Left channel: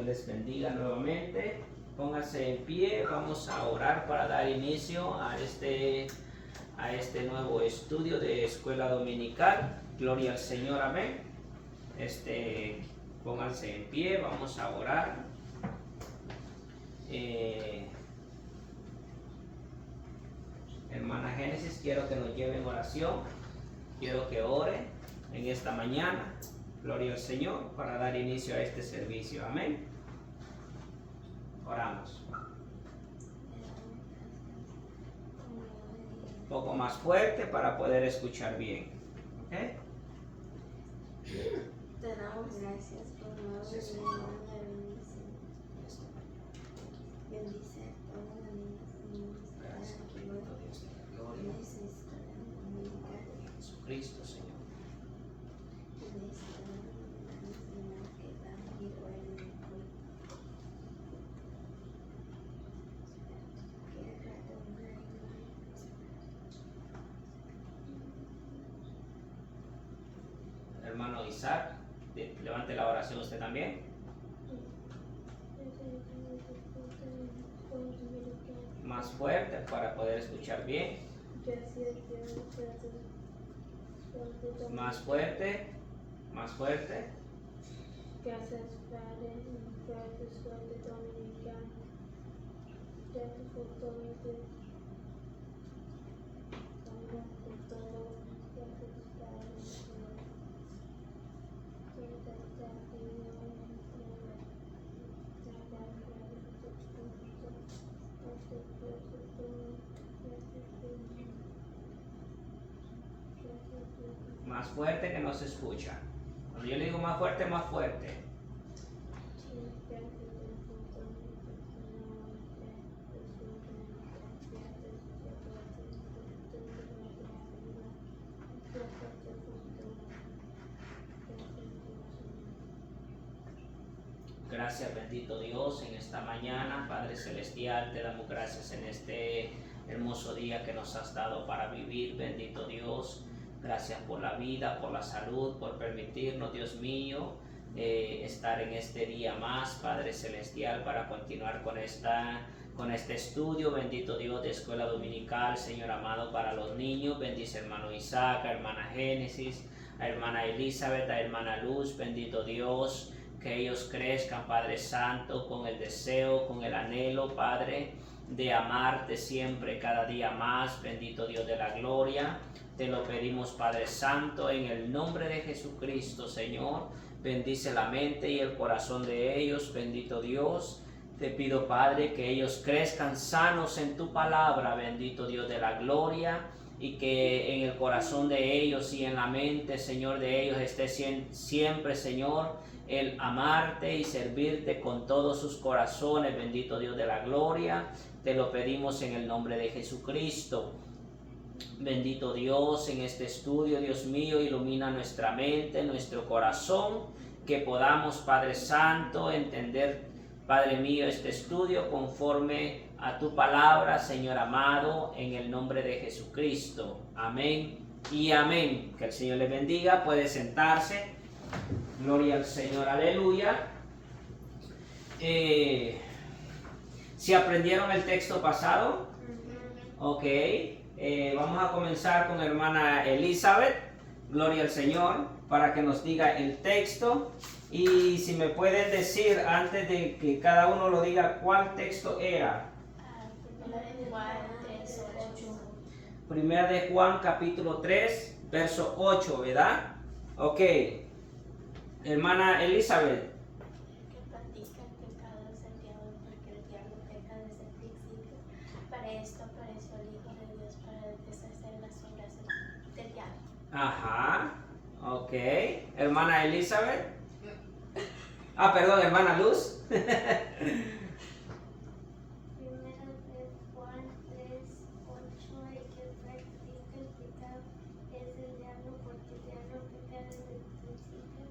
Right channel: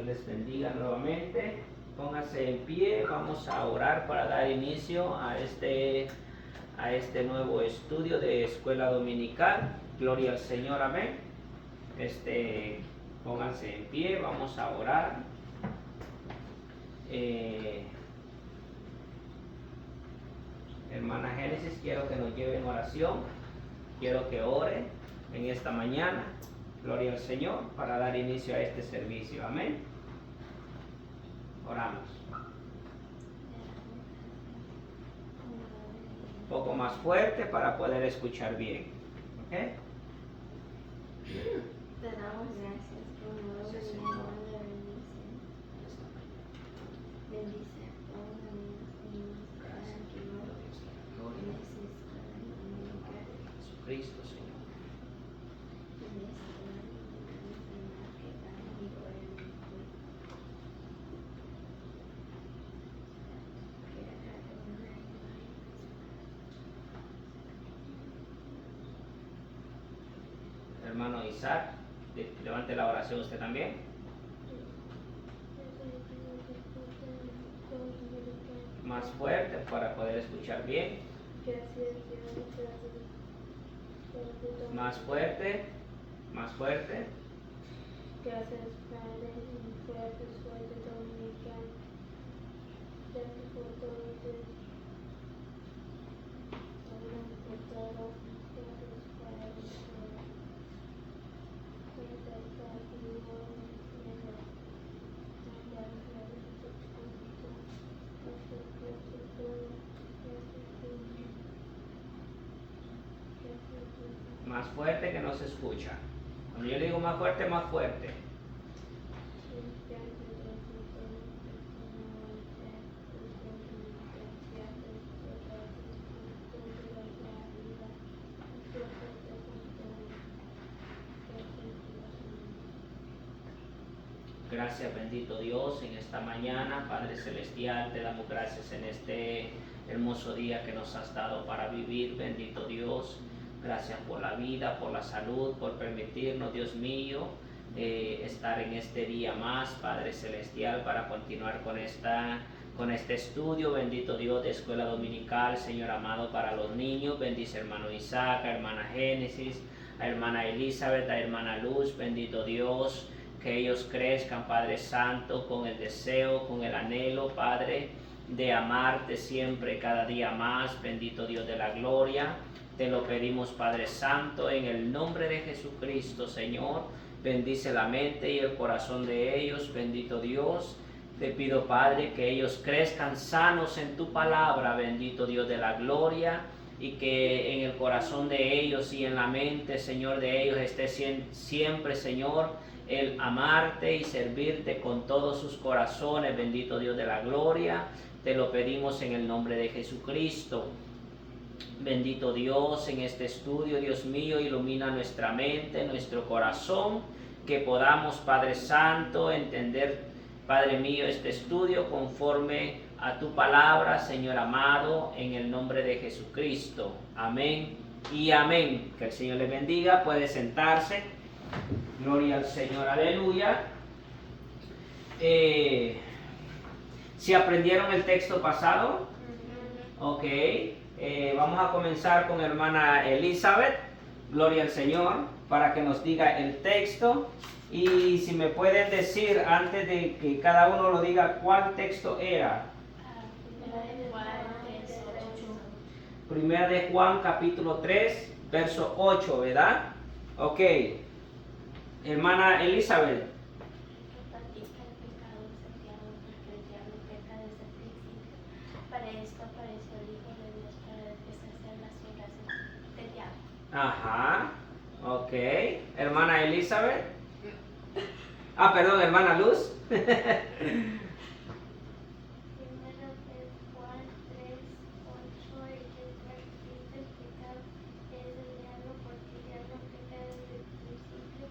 Señor les bendiga nuevamente. Pónganse en pie, vamos a orar para dar inicio a este nuevo estudio de escuela dominical. Gloria al Señor, amén. Pónganse en pie, vamos a orar. Hermana Génesis, quiero que nos lleve en oración. Quiero que ore en esta mañana. Gloria al Señor, para dar inicio a este servicio. Amén. Oramos. Un poco más fuerte para poder escuchar bien. ¿Ok? Te damos gracias por nuevo domingo de bendición. Bendice a todos los niños y niñas que están aquí hoy. Bendice a escuela dominical. Jesucristo, Señor. Bendice a todos los niños y niñas que están aquí hoy en el culto. Quiero que la tenga en tu vida. Hermano Isaac, levante la oración usted también. Más fuerte para poder escuchar bien. Más fuerte. Más fuerte. Gracias, Padre, por tu suerte dominical. Gracias por todo, Dios. Gracias por todo. Gracias, Padre, por esta actividad. Más fuerte que no se escucha. Cuando yo le digo más fuerte, más fuerte. Gracias, bendito Dios, en esta mañana, Padre Celestial, te damos gracias en este hermoso día que nos has dado para vivir, bendito Dios. Gracias por la vida, por la salud, por permitirnos, Dios mío, estar en este día más, Padre Celestial, para continuar con este estudio, bendito Dios, de escuela dominical, Señor amado, para los niños. Bendice a hermano Isaac, a hermana Génesis, a hermana Elizabeth, a hermana Luz, bendito Dios. Que ellos crezcan, Padre Santo, con el deseo, con el anhelo, Padre, de amarte siempre, cada día más, bendito Dios de la gloria. Te lo pedimos, Padre Santo, en el nombre de Jesucristo, Señor. Bendice la mente y el corazón de ellos, bendito Dios. Te pido, Padre, que ellos crezcan sanos en tu palabra, bendito Dios de la gloria. Y que en el corazón de ellos y en la mente, Señor, de ellos esté siempre, Señor, el amarte y servirte con todos sus corazones, bendito Dios de la gloria. Te lo pedimos en el nombre de Jesucristo. Bendito Dios, en este estudio, Dios mío, ilumina nuestra mente, nuestro corazón, que podamos, Padre Santo, entender, Padre mío, este estudio conforme a tu palabra, Señor amado, en el nombre de Jesucristo. Amén y amén. Que el Señor les bendiga. Puede sentarse. Gloria al Señor, aleluya. ¿Si aprendieron el texto pasado? Ok. Vamos a comenzar con hermana Elizabeth. Gloria al Señor, para que nos diga el texto. Y si me pueden decir, antes de que cada uno lo diga, ¿cuál texto era? Primera de Juan, capítulo 3, verso 8, ¿verdad? Ok. Hermana Elizabeth. Que practica el pecado desafiado porque el diablo peca desde el principio. Para esto apareció el Hijo de Dios para deshacer las obras del diablo. Ajá. Ok. Hermana Elizabeth. Perdón, hermana Luz. Primera de Juan 3, 8, y que practica el pecado es el diablo, porque el diablo peca desde el principio.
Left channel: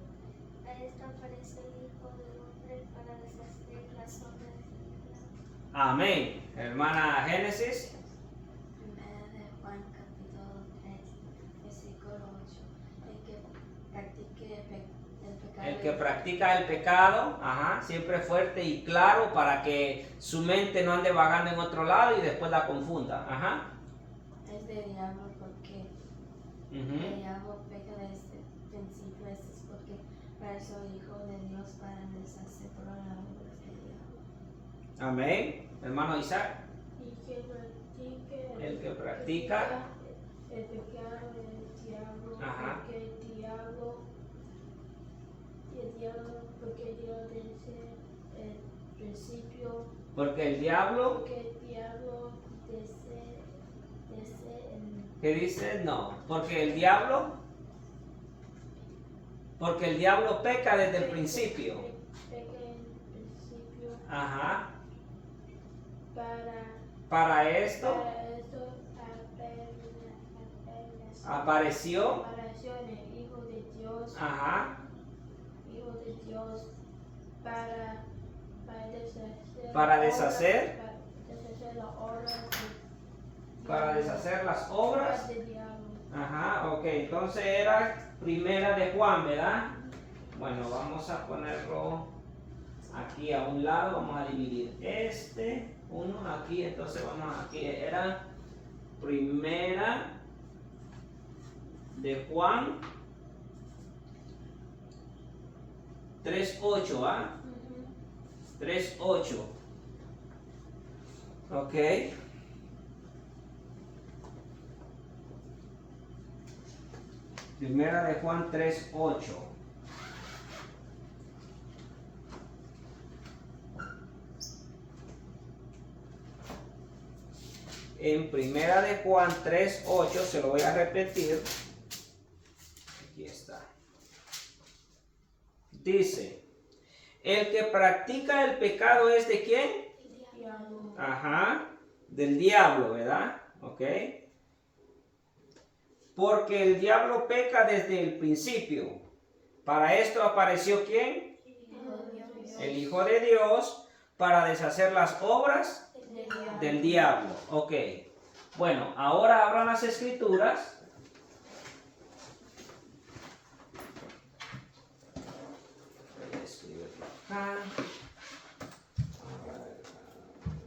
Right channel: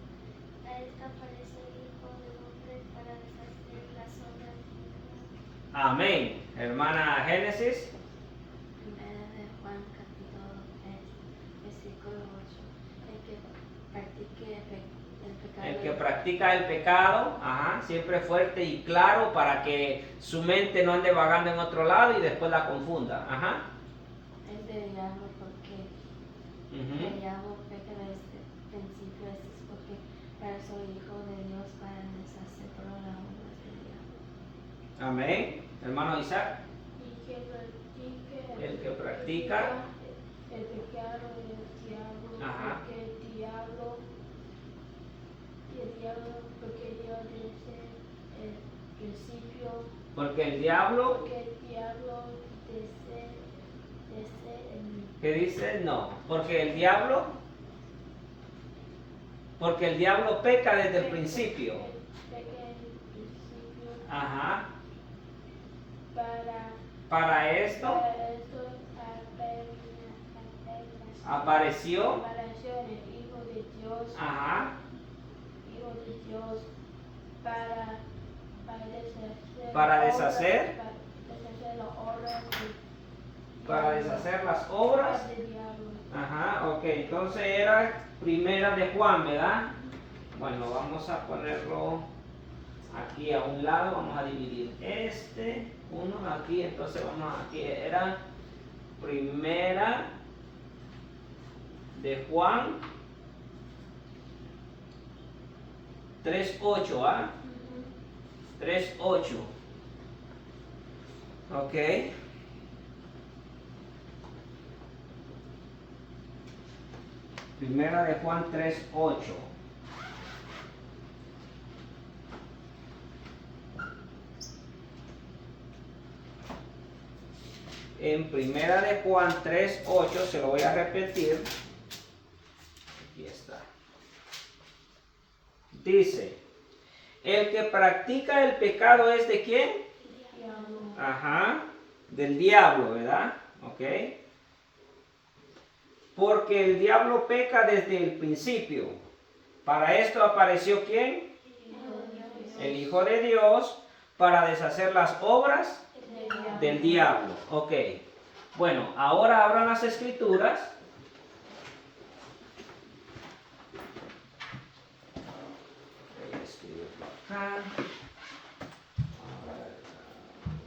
A esta apareció el Hijo del Hombre para deshacer las obras del diablo. Amén. Hermana Génesis. Primera de Juan, capítulo 3, versículo 8. El que practique el pecado El que practica el pecado, ajá, siempre fuerte y claro para que su mente no ande vagando en otro lado y después la confunda. Ajá. Es del diablo porque el diablo peca desde el principio, esto es porque para eso el Hijo de Dios para deshacer todas las obras del diablo. Amén. Hermano Isaac. El que practica El que practica. el pecado del diablo, Ajá. porque porque Dios desde el principio, Porque el diablo, porque el diablo desde ¿qué dice? No. Porque el diablo peca desde el principio. peca en el principio Ajá. para Para esto esto apareció. apareció el Hijo de Dios, Ajá. Hijo de Dios, para deshacer Para deshacer. las obras Para deshacer las obras. del diablo. Ajá, ok, entonces era primera de Juan, ¿verdad? Bueno, vamos a ponerlo aquí a un lado, vamos a dividir uno aquí, entonces vamos aquí, era primera de Juan 3:8, ¿ah? 3:8. Ok. Primera de Juan 3:8. En primera de Juan 3:8, se lo voy a repetir. Aquí está. Dice, el que practica el pecado es de quién? Diablo. Ajá, del diablo, ¿verdad? Ok. Porque el diablo peca desde el principio. Para esto apareció ¿quién? El Hijo de Dios, para deshacer las obras del diablo. Ok. Bueno, ahora abran las escrituras. Voy a escribirlo acá.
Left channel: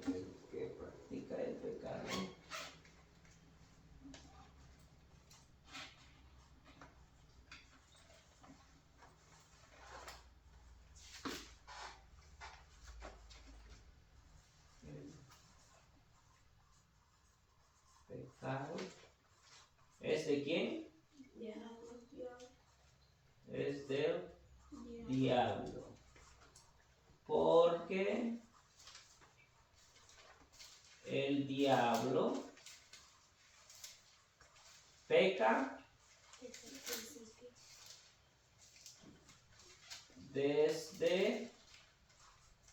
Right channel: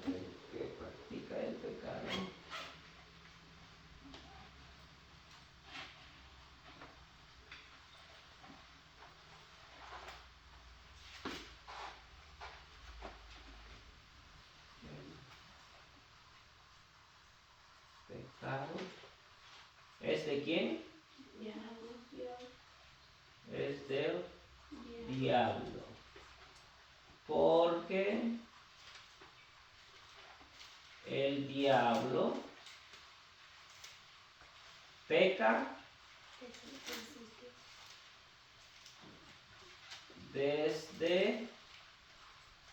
El que practica el pecado. Pecado. ¿Es de quién? Es del diablo. Porque el diablo peca desde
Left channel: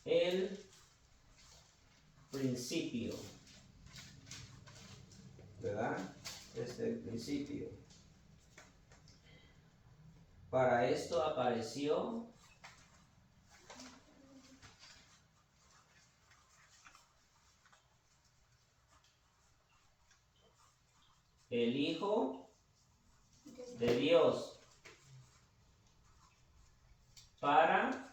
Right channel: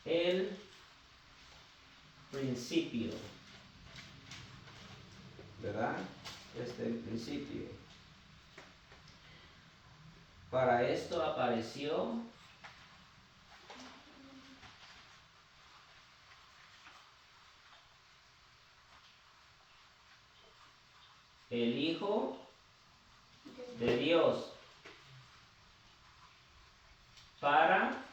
el principio. ¿Verdad? Desde el principio. Para esto apareció el Hijo de Dios para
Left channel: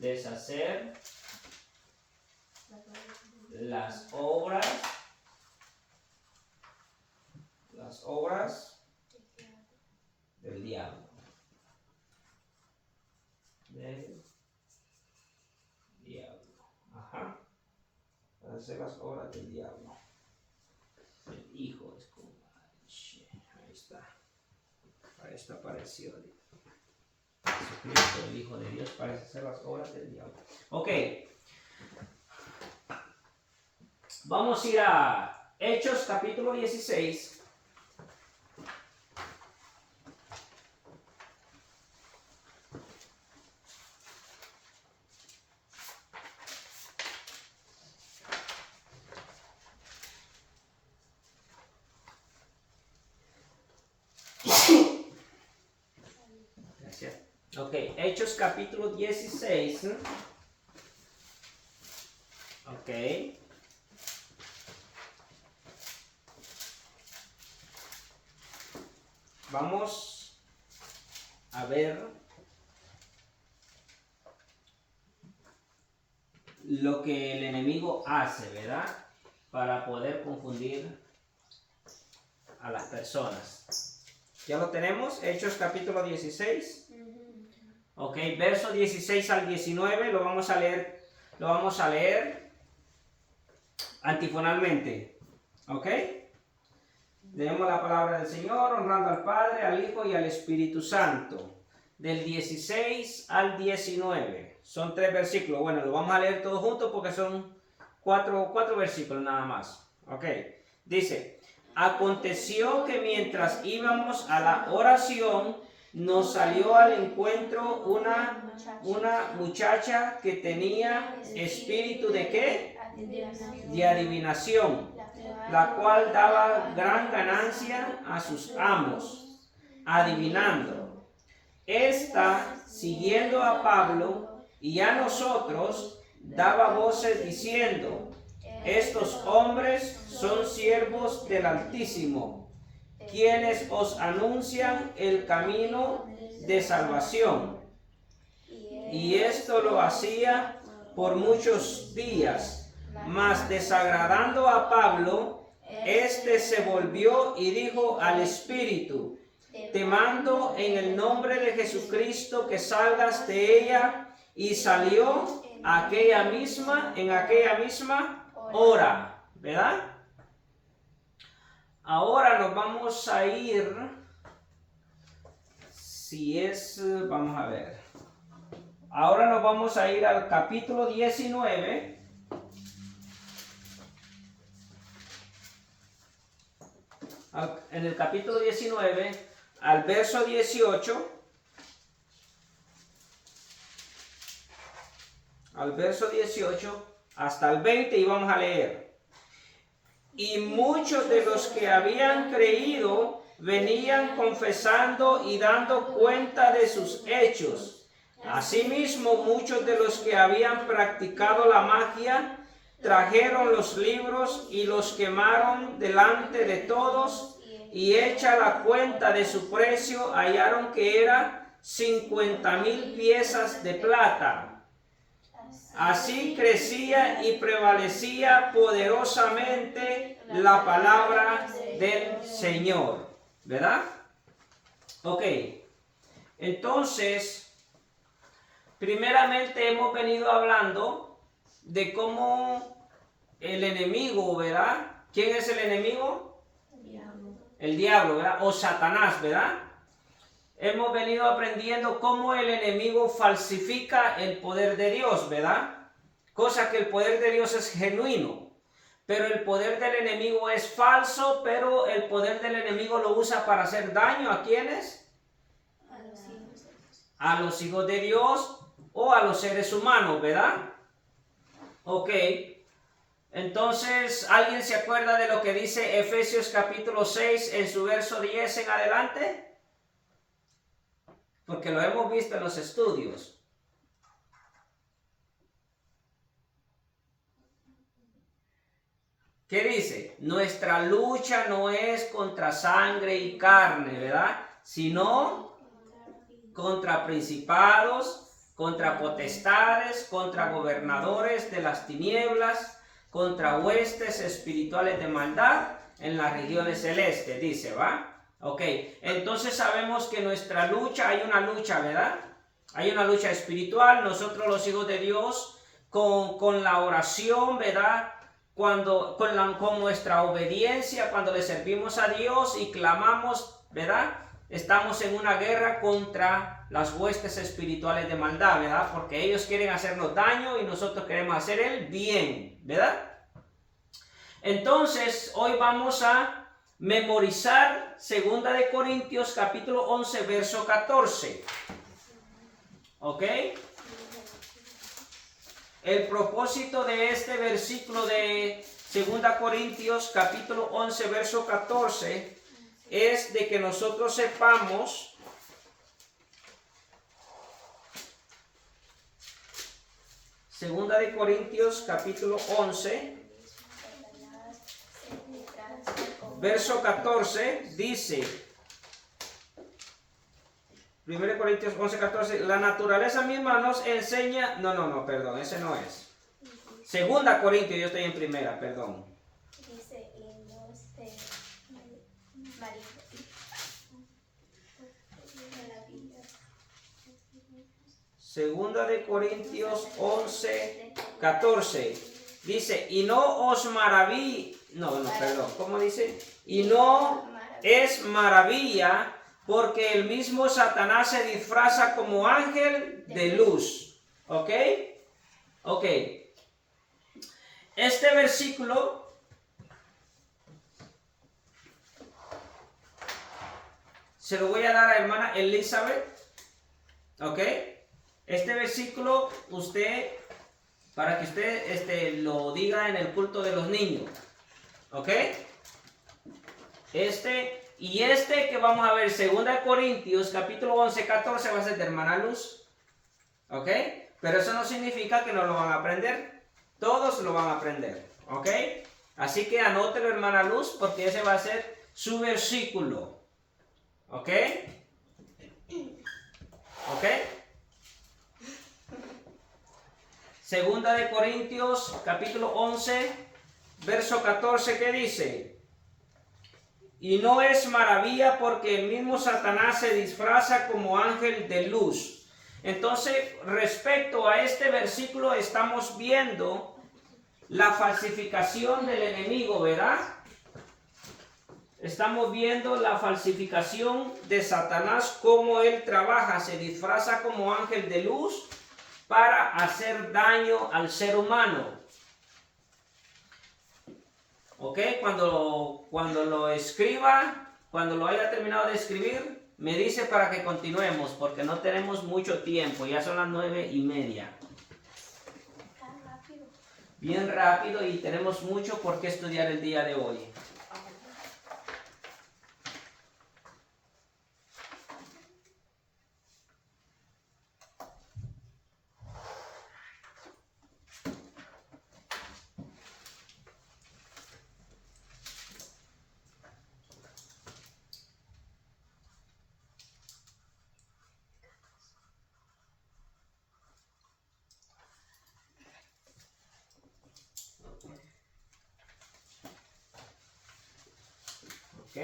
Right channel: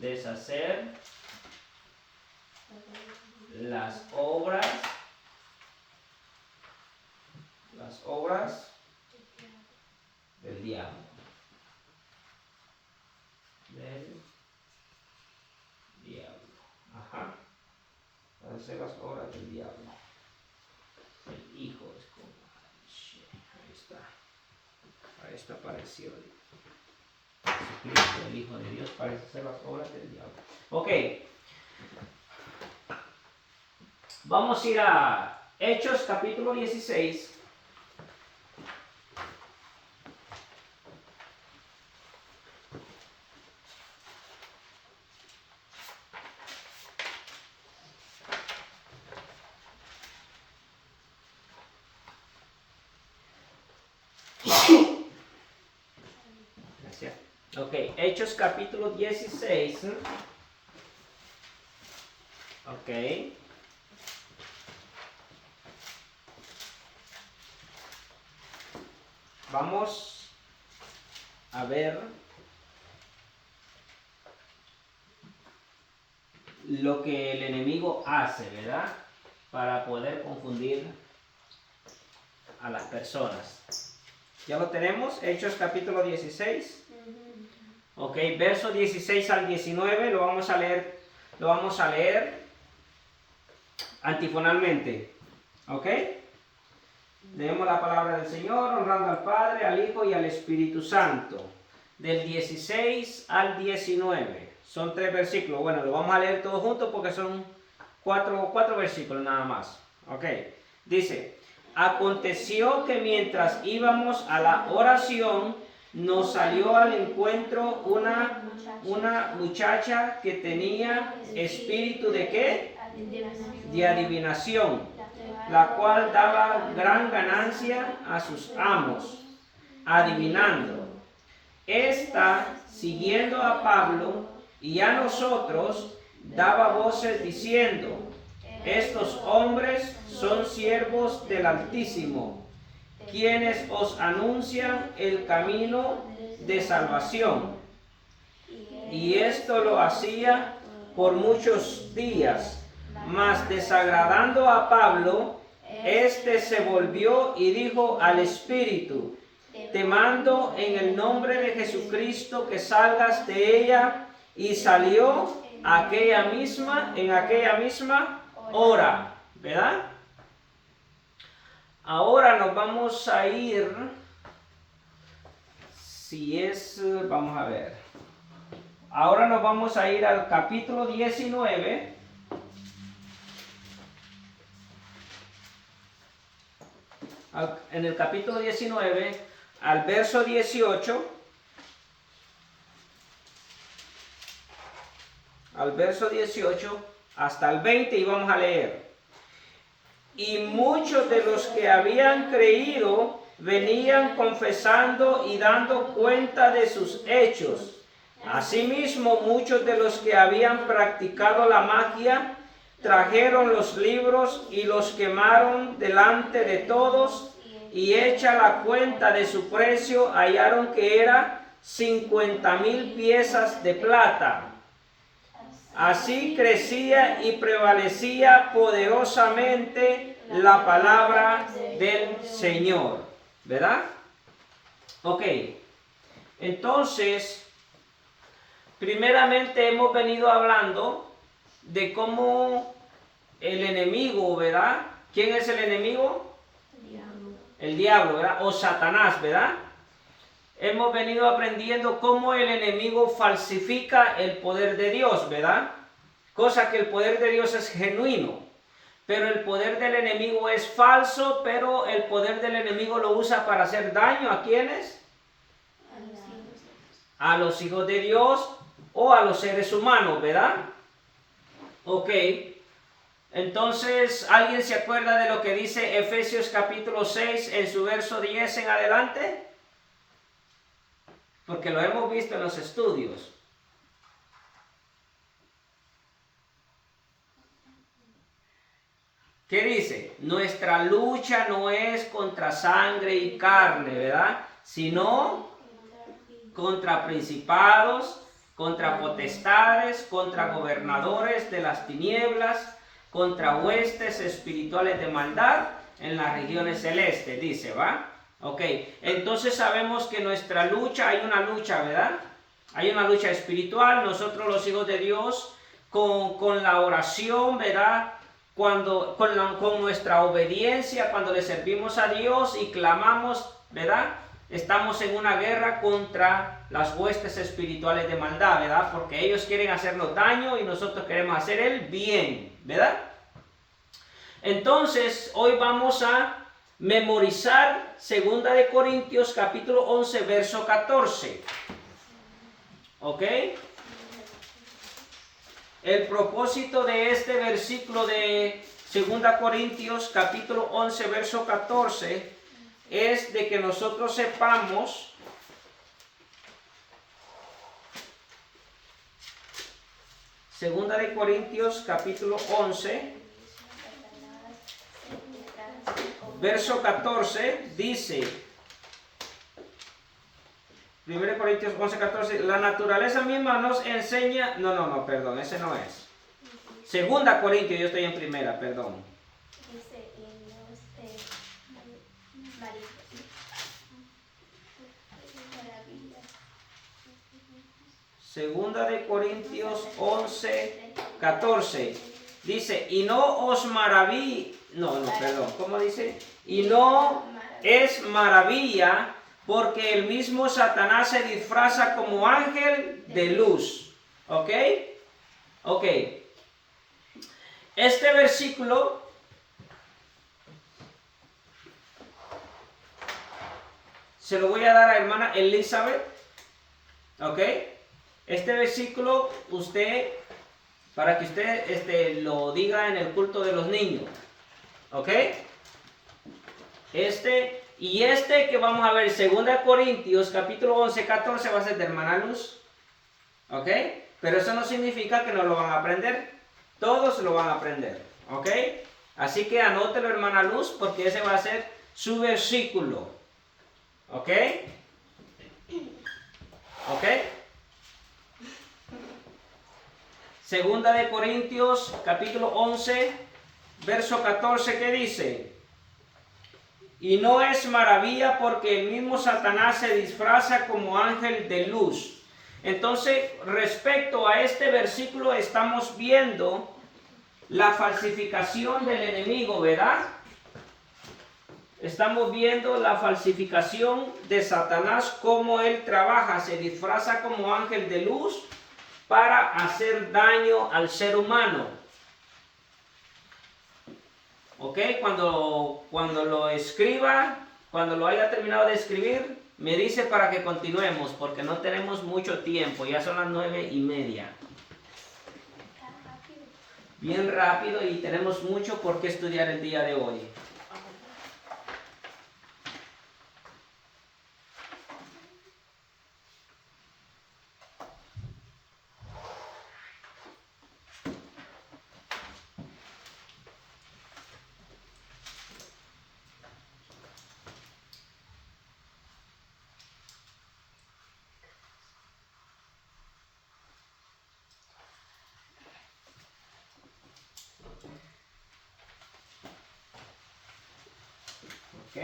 deshacer las obras del diablo. Del diablo. Ajá. Para hacer las obras del diablo. El Hijo es como. Ahí está. Ahí está apareció Jesucristo, el Hijo de Dios, para hacer las obras del diablo. Ok. Vamos a ir a Hechos capítulo 16. Gracias. Ok, Hechos capítulo 16. Ok. Vamos a ver lo que el enemigo hace, ¿verdad? Para poder confundir a las personas. ¿Ya lo tenemos? Hechos capítulo 16. Ok, versos 16 al 19 lo vamos a leer antifonalmente. ¿Ok? Leemos la palabra del Señor, honrando al Padre, al Hijo y al Espíritu Santo. Del 16 al 19. Son 3 versículos. Bueno, lo vamos a leer todos juntos porque son 4 versículos nada más. Ok. Dice: aconteció que mientras íbamos a la oración, nos salió al encuentro una muchacha que tenía espíritu de ¿qué? De adivinación, la cual daba gran ganancia a sus amos, adivinando. Esta, siguiendo a Pablo y a nosotros, daba voces diciendo: estos hombres son siervos del Altísimo, quienes os anuncian el camino de salvación. Y esto lo hacía por muchos días, mas desagradando a Pablo, éste se volvió y dijo al Espíritu: te mando en el nombre de Jesucristo que salgas de ella. Y salió en aquella misma hora, ¿verdad? Ahora nos vamos a ir, vamos a ver. Ahora nos vamos a ir al capítulo 19. En el capítulo 19, al verso 18. Al verso 18 hasta el 20 y vamos a leer. Y muchos de los que habían creído venían confesando y dando cuenta de sus hechos. Asimismo, muchos de los que habían practicado la magia trajeron los libros y los quemaron delante de todos, y hecha la cuenta de su precio, hallaron que era 50,000 piezas de plata. Así crecía y prevalecía poderosamente la palabra del Señor, ¿verdad? Ok, entonces, primeramente hemos venido hablando de cómo el enemigo, ¿verdad? ¿Quién es el enemigo? El diablo, ¿verdad? O Satanás, ¿verdad? Hemos venido aprendiendo cómo el enemigo falsifica el poder de Dios, ¿verdad? Cosa que el poder de Dios es genuino, pero el poder del enemigo es falso, pero el poder del enemigo lo usa para hacer daño ¿a quiénes? A los hijos de Dios o a los seres humanos, ¿verdad? Ok. Entonces, ¿alguien se acuerda de lo que dice Efesios capítulo 6 en su verso 10 en adelante? Porque lo hemos visto en los estudios. ¿Qué dice? Nuestra lucha no es contra sangre y carne, ¿verdad? Sino contra principados, contra potestades, contra gobernadores de las tinieblas, contra huestes espirituales de maldad en las regiones celestes, dice, ¿va? Ok, entonces sabemos que nuestra lucha, hay una lucha, ¿verdad? Hay una lucha espiritual. Nosotros los hijos de Dios, con la oración, ¿verdad? Con nuestra obediencia, cuando le servimos a Dios y clamamos, ¿verdad? Estamos en una guerra contra las huestes espirituales de maldad, ¿verdad? Porque ellos quieren hacernos daño y nosotros queremos hacer el bien, ¿verdad? Entonces, hoy vamos a memorizar 2 de Corintios capítulo 11 verso 14. ¿Ok? El propósito de este versículo de 2 Corintios capítulo 11 verso 14 es de que nosotros sepamos Segunda de Corintios capítulo 11 verso 14 dice: 2 1 Corintios 11, 14. La naturaleza misma nos enseña. No, perdón, ese no es. 2 Corintios, yo estoy en primera, perdón. Dice himnos de maravillas. 2 de Corintios 11, 14. Dice, y no os maraví. No, perdón, ¿cómo dice? Y no es maravilla, porque el mismo Satanás se disfraza como ángel de luz. ¿Ok? Ok. Este versículo se lo voy a dar a hermana Elizabeth. ¿Ok? Este versículo para que usted lo diga en el culto de los niños. ¿Ok? Que vamos a ver, 2 Corintios capítulo 11, 14 va a ser de hermana Luz. ¿Ok? Pero eso no significa que no lo van a aprender. Todos lo van a aprender. ¿Ok? Así que anótelo, hermana Luz, porque ese va a ser su versículo. ¿Ok? ¿Ok? 2 de Corintios capítulo 11, verso 14, ¿qué dice? Y no es maravilla, porque el mismo Satanás se disfraza como ángel de luz. Entonces, respecto a este versículo, estamos viendo la falsificación del enemigo, ¿verdad? Estamos viendo la falsificación de Satanás, cómo él trabaja, se disfraza como ángel de luz para hacer daño al ser humano. ¿Ok? Cuando lo escriba, cuando lo haya terminado de escribir, me dice para que continuemos, porque no tenemos mucho tiempo, ya son las 9:30. Bien rápido, y tenemos mucho por qué estudiar el día de hoy. ¿Ok?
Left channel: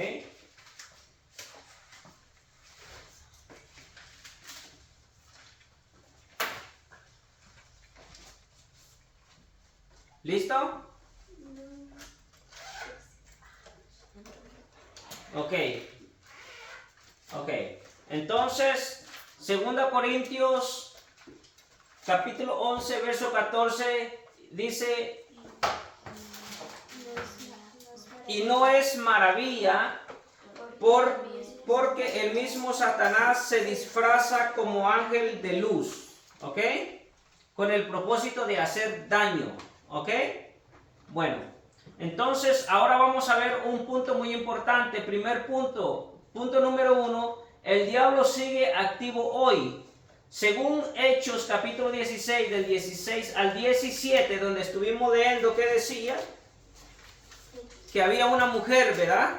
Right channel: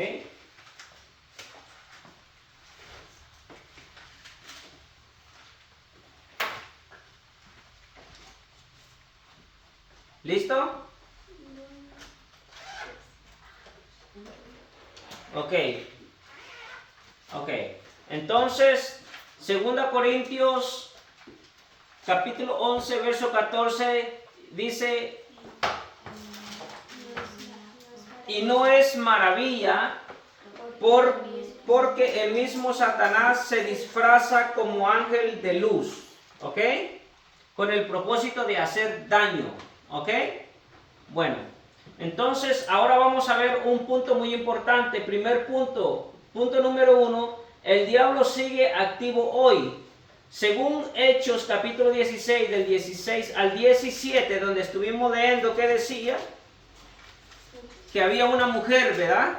¿Listo? Ok. Entonces, 2 Corintios capítulo 11, verso 14 dice, y no es maravilla, porque el mismo Satanás se disfraza como ángel de luz. ¿Ok? Con el propósito de hacer daño. ¿Ok? Bueno, entonces ahora vamos a ver un punto muy importante. Primer punto, punto número 1, el diablo sigue activo hoy. Según Hechos capítulo 16, del 16 al 17, donde estuvimos leyendo, ¿qué decía? Que había una mujer, ¿verdad?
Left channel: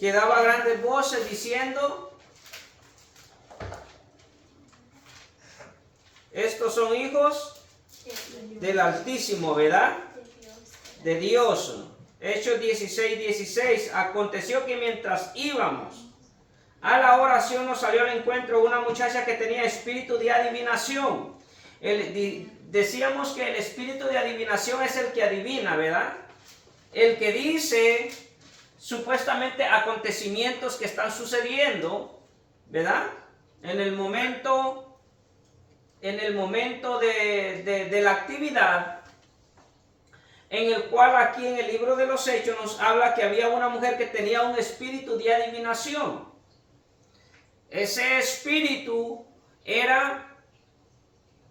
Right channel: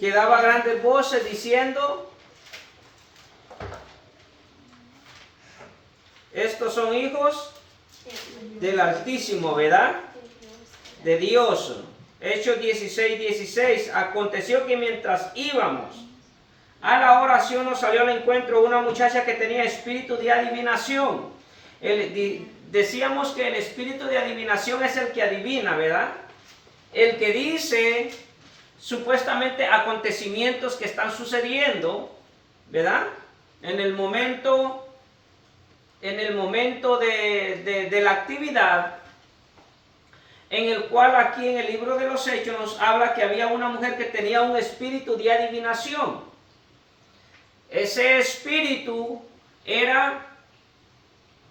Que daba grandes voces diciendo, estos son hijos del Altísimo, ¿verdad? De Dios. Hechos 16, 16. Aconteció que mientras íbamos a la oración, nos salió al encuentro una muchacha que tenía espíritu de adivinación. Decíamos que el espíritu de adivinación es el que adivina, ¿verdad? El que dice supuestamente acontecimientos que están sucediendo, ¿verdad? En el momento de la actividad, en el cual aquí en el libro de los Hechos nos habla que había una mujer que tenía un espíritu de adivinación. Ese espíritu era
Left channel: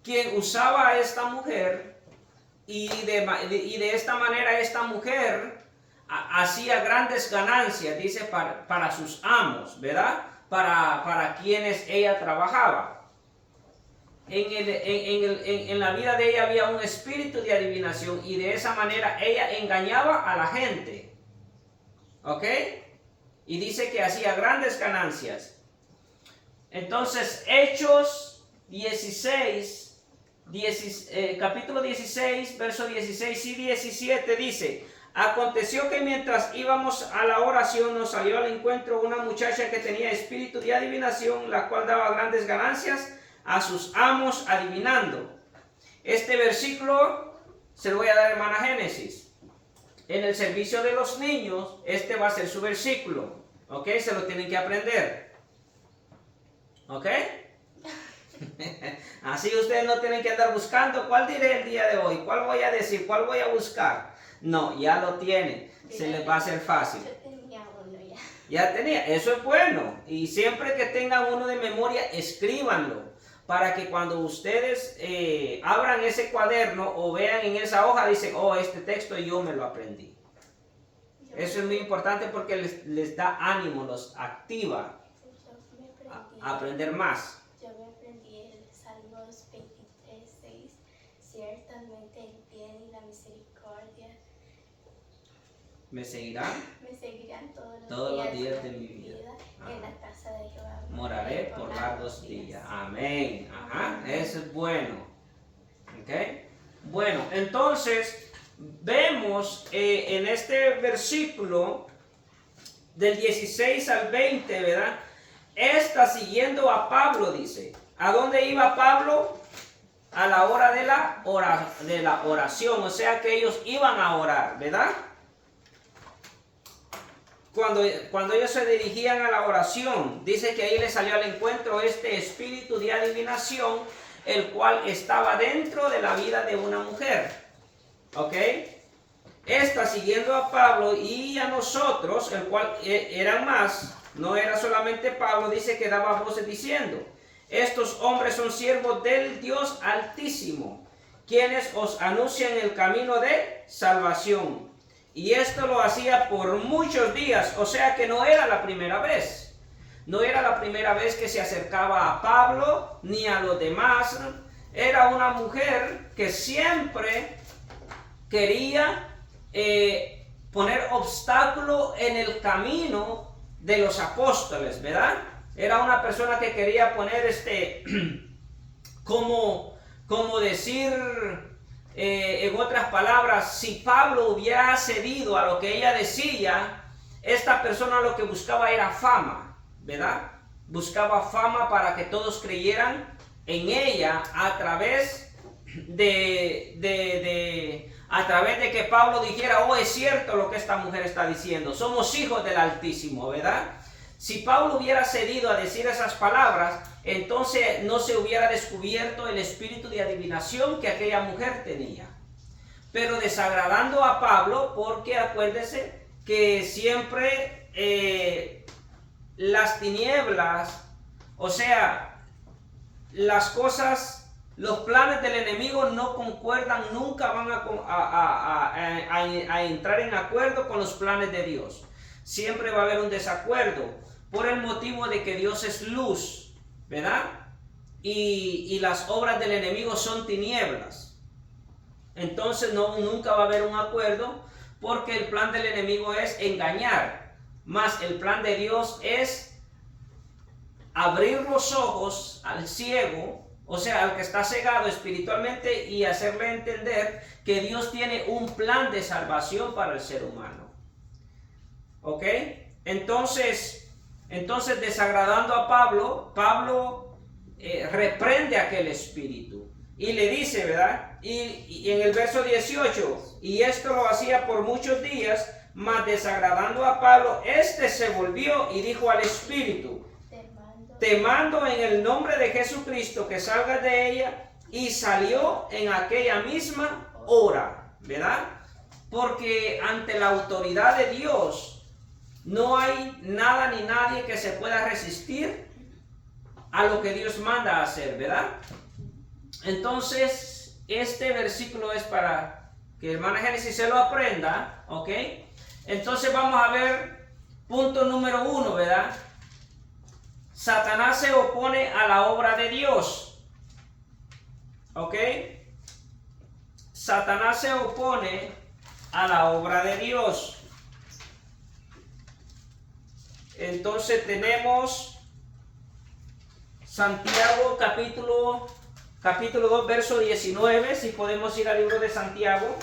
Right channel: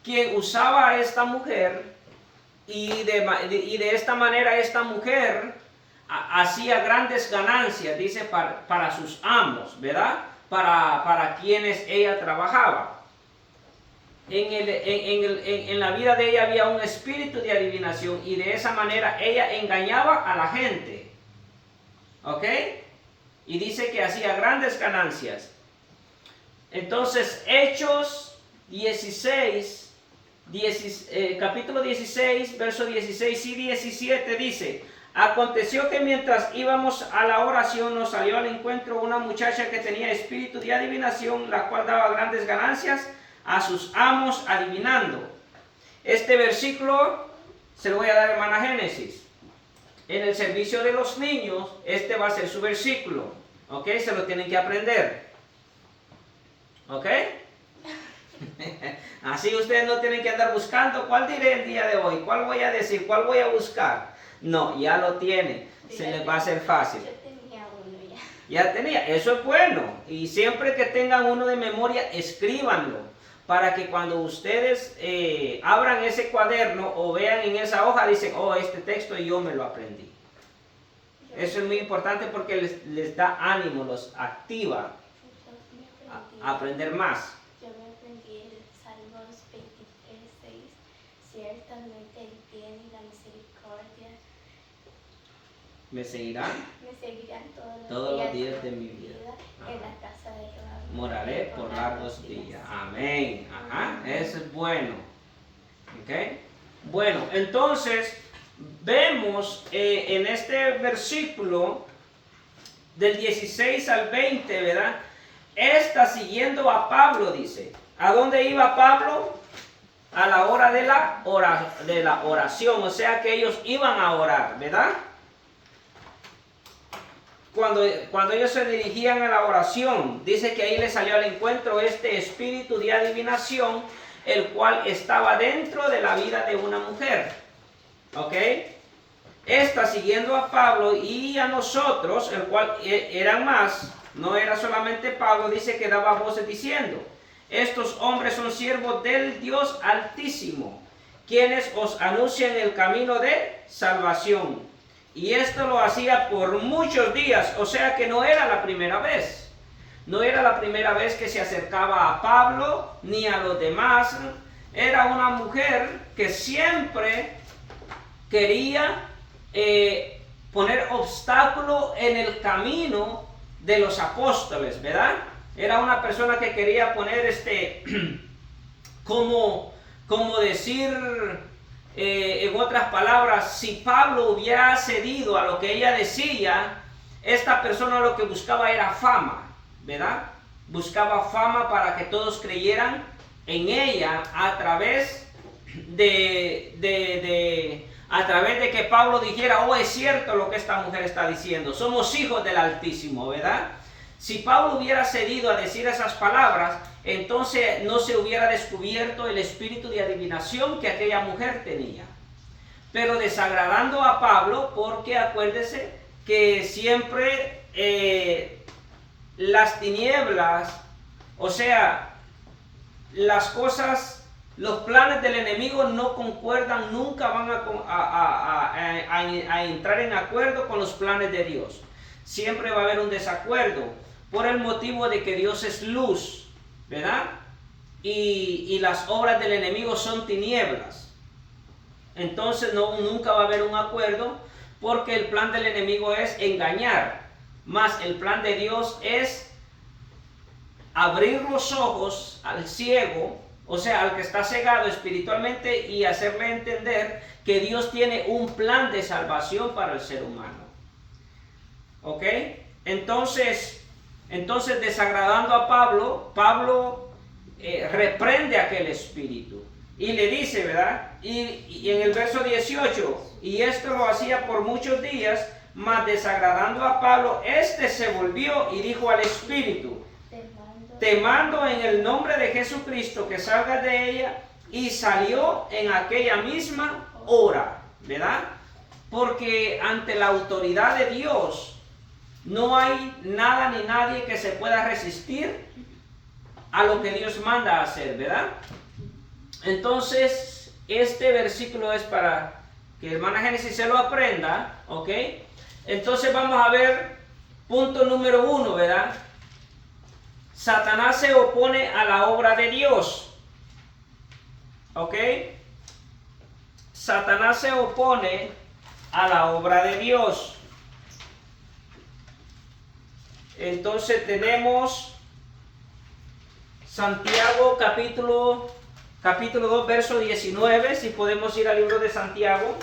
quien usaba a esta mujer, y de esta manera esta mujer hacía grandes ganancias, dice, para sus amos, ¿verdad? Para quienes ella trabajaba. En la vida de ella había un espíritu de adivinación, y de esa manera ella engañaba a la gente. ¿Ok? Y dice que hacía grandes ganancias. Entonces, Hechos 16, capítulo 16, verso 16 y 17 dice: aconteció que mientras íbamos a la oración nos salió al encuentro una muchacha que tenía espíritu de adivinación, la cual daba grandes ganancias a sus amos adivinando. Este versículo se lo voy a dar, hermana Génesis. En el servicio de los niños, este va a ser su versículo. ¿Ok? Se lo tienen que aprender. ¿Ok? Así ustedes no tienen que andar buscando cuál diré el día de hoy, cuál voy a decir, cuál voy a buscar. No, ya lo tienen. Se les va a hacer fácil. Yo tenía uno ya. Ya tenía, eso es bueno. Y siempre que tengan uno de memoria, escríbanlo. Para que cuando ustedes abran ese cuaderno o vean en esa hoja, dicen: oh, este texto yo me lo aprendí. Eso es muy importante porque les da ánimo, los activa a aprender más. Yo me aprendí el Salmos 23:6. Ciertamente el bien y la misericordia ¿Me seguirán? me seguirán Todos los días de mi vida. En la casa de Jehová Moraré por largos días. Amén. Ajá, eso es bueno. ¿Ok? Bueno, entonces vemos en este versículo del 16 al 20, ¿verdad? Está siguiendo a Pablo, dice. ¿A dónde iba Pablo? A la hora de la oración. O sea que ellos iban a orar, ¿verdad? Cuando ellos se dirigían a la oración, dice que ahí les salió al encuentro este espíritu de adivinación, el cual estaba dentro de la vida de una mujer. ¿Ok? Está siguiendo a Pablo y a nosotros, el cual eran más, no era solamente Pablo, dice que daba voces diciendo: estos hombres son siervos del Dios Altísimo, quienes os anuncian el camino de salvación. Y esto lo hacía por muchos días, o sea que no era la primera vez. No era la primera vez que se acercaba a Pablo ni a los demás. Era una mujer que siempre quería poner obstáculo en el camino de los apóstoles, ¿verdad? Era una persona que quería poner como decir, en otras palabras, si Pablo hubiera cedido a lo que ella decía, esta persona lo que buscaba era fama, ¿verdad? Buscaba fama para que todos creyeran en ella a través de que Pablo dijera: oh, es cierto lo que esta mujer está diciendo, somos hijos del Altísimo, ¿verdad? Si Pablo hubiera cedido a decir esas palabras, entonces no se hubiera descubierto el espíritu de adivinación que aquella mujer tenía. Pero desagradando a Pablo, porque acuérdese que siempre las tinieblas, o sea, las cosas, los planes del enemigo no concuerdan, nunca van a entrar en acuerdo con los planes de Dios. Siempre va a haber un desacuerdo por el motivo de que Dios es luz, ¿verdad? Y las obras del enemigo son tinieblas. Entonces nunca va a haber un acuerdo, porque el plan del enemigo es engañar, más el plan de Dios es abrir los ojos al ciego, o sea, al que está cegado espiritualmente, y hacerle entender que Dios tiene un plan de salvación para el ser humano. ¿Ok? Entonces desagradando a Pablo reprende aquel espíritu y le dice, ¿verdad? Y en el verso 18, y esto lo hacía por muchos días, mas desagradando a Pablo, se volvió y dijo al espíritu: te mando en el nombre de Jesucristo que salgas de ella. Y salió en aquella misma hora, ¿verdad? Porque ante la autoridad de Dios no hay nada ni nadie que se pueda resistir a lo que Dios manda a hacer, ¿verdad? Entonces, este versículo es para que hermana Génesis se lo aprenda, ¿ok? Entonces vamos a ver punto número 1, ¿verdad? Satanás se opone a la obra de Dios, ¿ok? Satanás se opone a la obra de Dios. Entonces tenemos Santiago capítulo 2, verso 19, si podemos ir al libro de Santiago.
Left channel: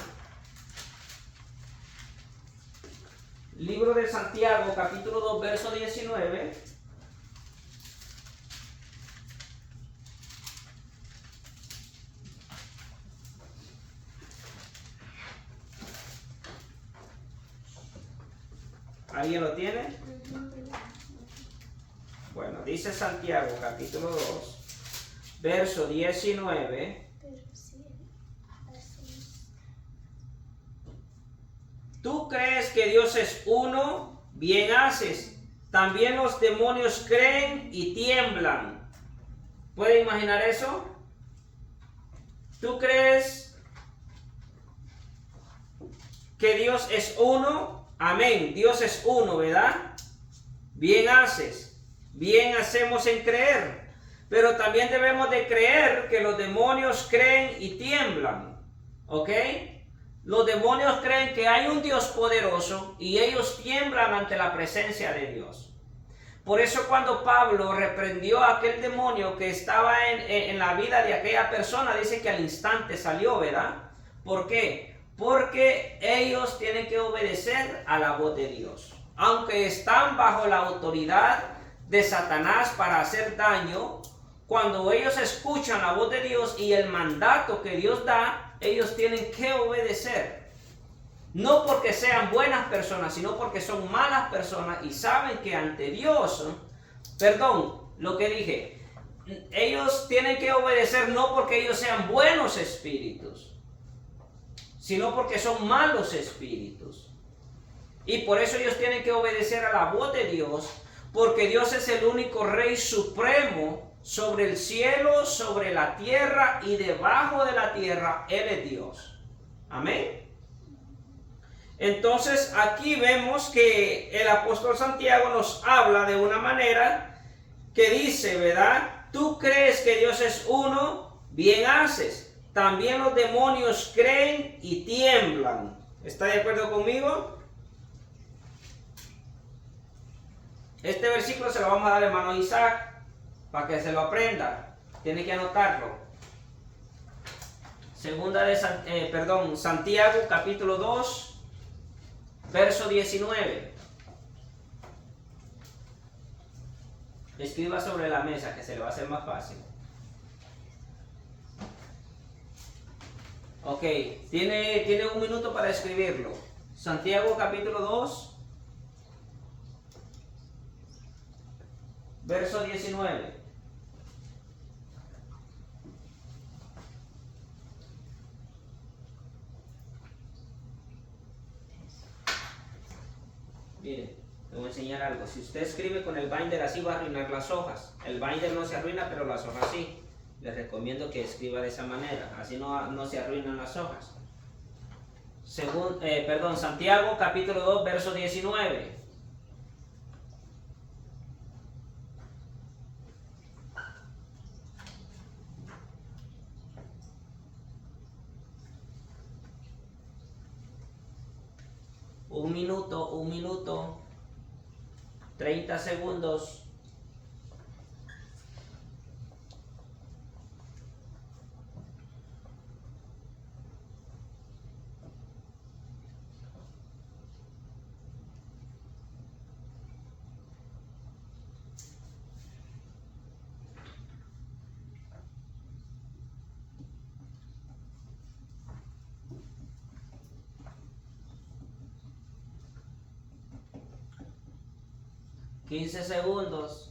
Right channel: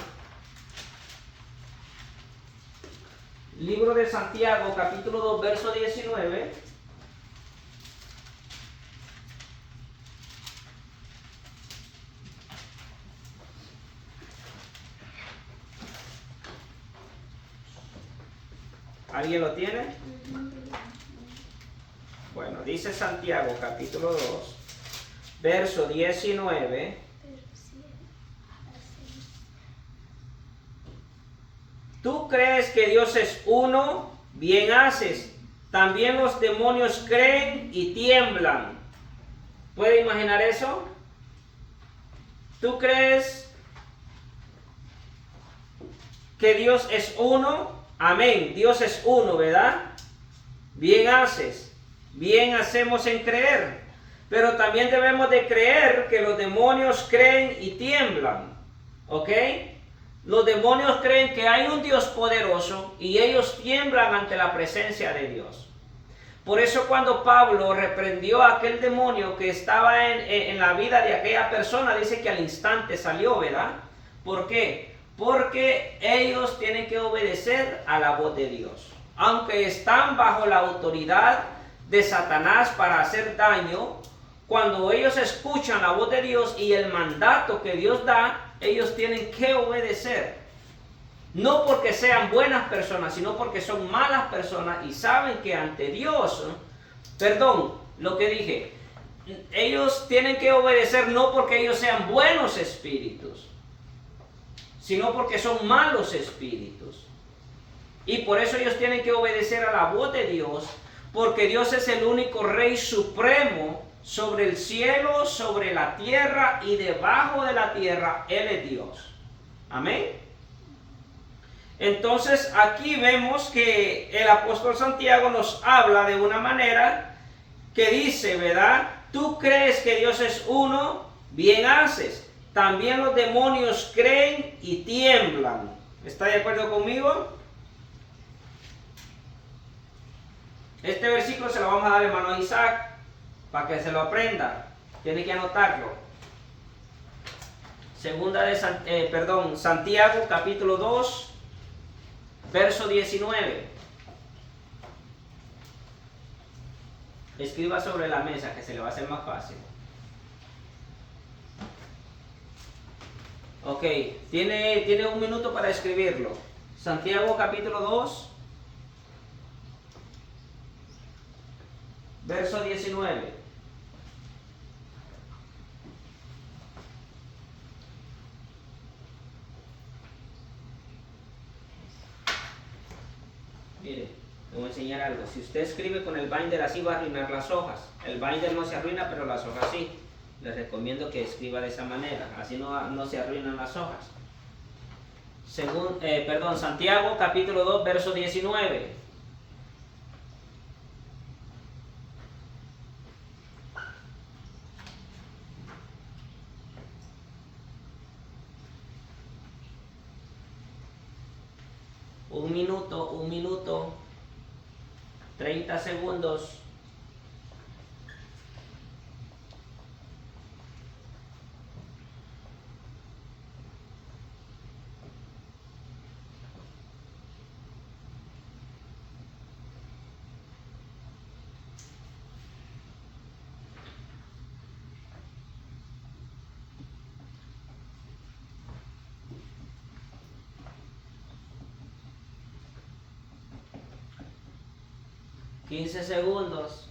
Libro de Santiago, capítulo 2, verso 19. ¿Alguien lo tiene? Bueno, dice Santiago, capítulo 2, verso 19. Tú crees que Dios es uno, bien haces. También los demonios creen y tiemblan. ¿Puede imaginar eso? ¿Tú crees que Dios es uno? Amén. Dios es uno, ¿verdad? Bien haces. Bien hacemos en creer. Pero también debemos de creer que los demonios creen y tiemblan. ¿Ok? Los demonios creen que hay un Dios poderoso y ellos tiemblan ante la presencia de Dios. Por eso cuando Pablo reprendió a aquel demonio que estaba en la vida de aquella persona, dice que al instante salió, ¿verdad? ¿Por qué? Porque ellos tienen que obedecer a la voz de Dios. Aunque están bajo la autoridad de Satanás para hacer daño, cuando ellos escuchan la voz de Dios y el mandato que Dios da, ellos tienen que obedecer. No porque sean buenas personas, sino porque son malas personas y saben que ante Dios, ellos tienen que obedecer no porque ellos sean buenos espíritus, sino porque son malos espíritus. Y por eso ellos tienen que obedecer a la voz de Dios, porque Dios es el único Rey supremo sobre el cielo, sobre la tierra y debajo de la tierra. Él es Dios. Amén. Entonces aquí vemos que el apóstol Santiago nos habla de una manera que dice, ¿verdad? Tú crees que Dios es uno, bien haces. También los demonios creen y tiemblan. ¿Está de acuerdo conmigo? Este versículo se lo vamos a dar, hermano Isaac, para que se lo aprenda. Tiene que anotarlo. Santiago capítulo 2, verso 19. Escriba sobre la mesa, que se le va a hacer más fácil. Ok, tiene un minuto para escribirlo. Santiago capítulo 2, verso 19. Mire, le voy a enseñar algo. Si usted escribe con el binder así, va a arruinar las hojas. El binder no se arruina, pero las hojas sí. Les recomiendo que escriba de esa manera. Así no se arruinan las hojas. Santiago capítulo 2, verso 19. Un minuto, 30 segundos. $15 segundos.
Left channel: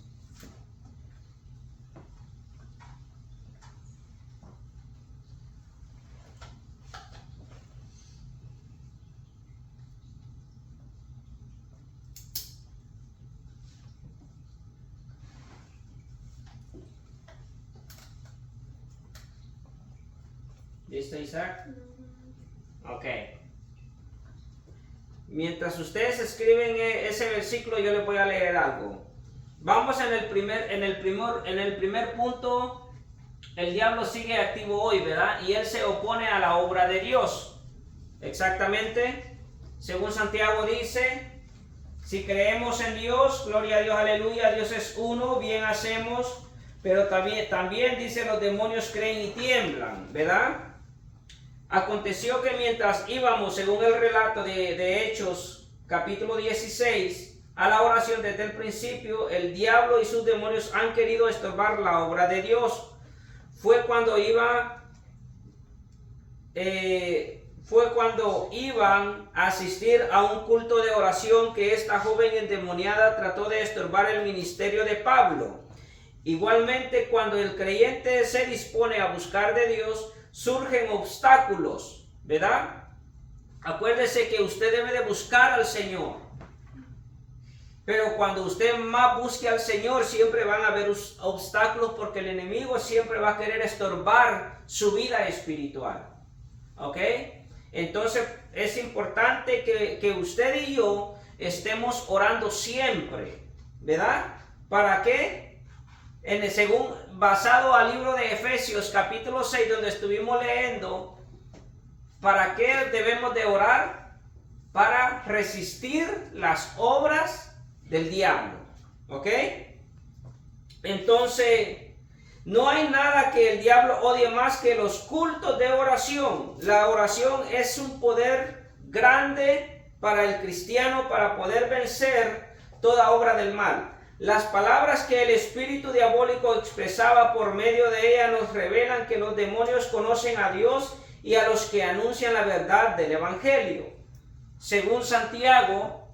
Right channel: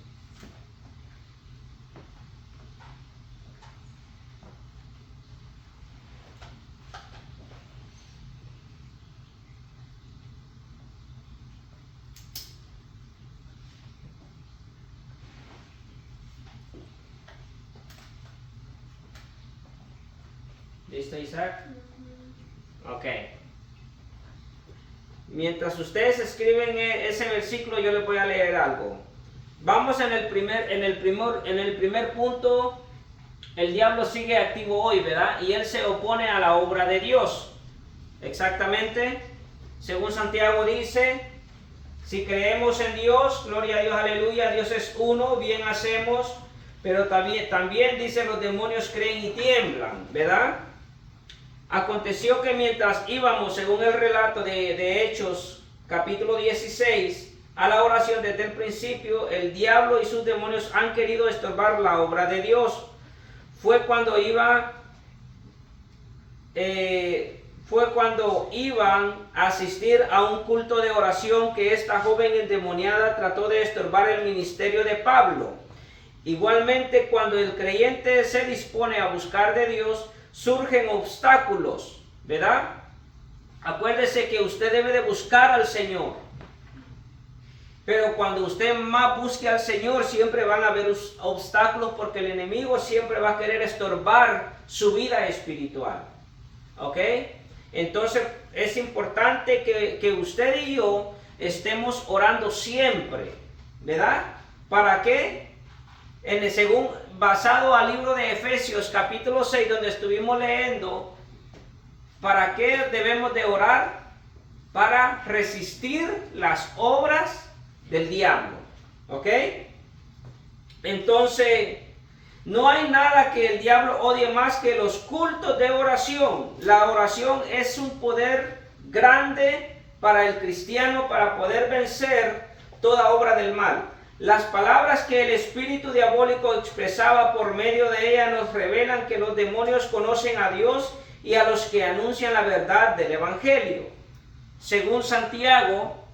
¿Listo, Isaac? Ok. Mientras ustedes escriben ese versículo, yo les voy a leer algo. Vamos en el primer punto. El diablo sigue activo hoy, ¿verdad? Y él se opone a la obra de Dios. Exactamente. Según Santiago dice, si creemos en Dios, gloria a Dios, aleluya, Dios es uno, bien hacemos. Pero también dice los demonios creen y tiemblan, ¿verdad? Aconteció que mientras íbamos, según el relato de Hechos, capítulo 16, a la oración desde el principio, el diablo y sus demonios han querido estorbar la obra de Dios. Fue cuando iban a asistir a un culto de oración que esta joven endemoniada trató de estorbar el ministerio de Pablo. Igualmente, cuando el creyente se dispone a buscar de Dios, surgen obstáculos, ¿verdad? Acuérdese que usted debe de buscar al Señor. Pero cuando usted más busque al Señor, siempre van a haber obstáculos porque el enemigo siempre va a querer estorbar su vida espiritual. ¿Ok? Entonces es importante que usted y yo estemos orando siempre, ¿verdad? ¿Para qué? Basado al libro de Efesios capítulo 6, donde estuvimos leyendo, ¿para qué debemos de orar? Para resistir las obras del diablo. ¿Ok? Entonces, no hay nada que el diablo odie más que los cultos de oración. La oración es un poder grande para el cristiano para poder vencer toda obra del mal. Las palabras que el espíritu diabólico expresaba por medio de ella nos revelan que los demonios conocen a Dios y a los que anuncian la verdad del evangelio. Según Santiago,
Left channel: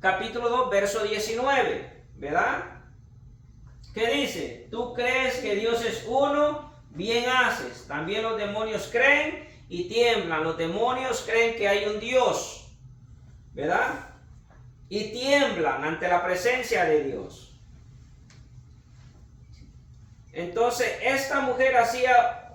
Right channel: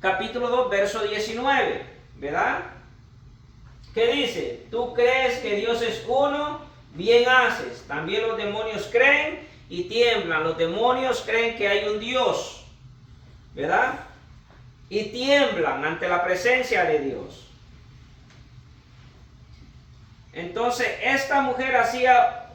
capítulo 2, verso 19, ¿verdad? ¿Qué dice? Tú crees que Dios es uno, bien haces. También los demonios creen y tiemblan. Los demonios creen que hay un Dios, ¿verdad? Y tiemblan ante la presencia de Dios. Entonces, esta mujer hacía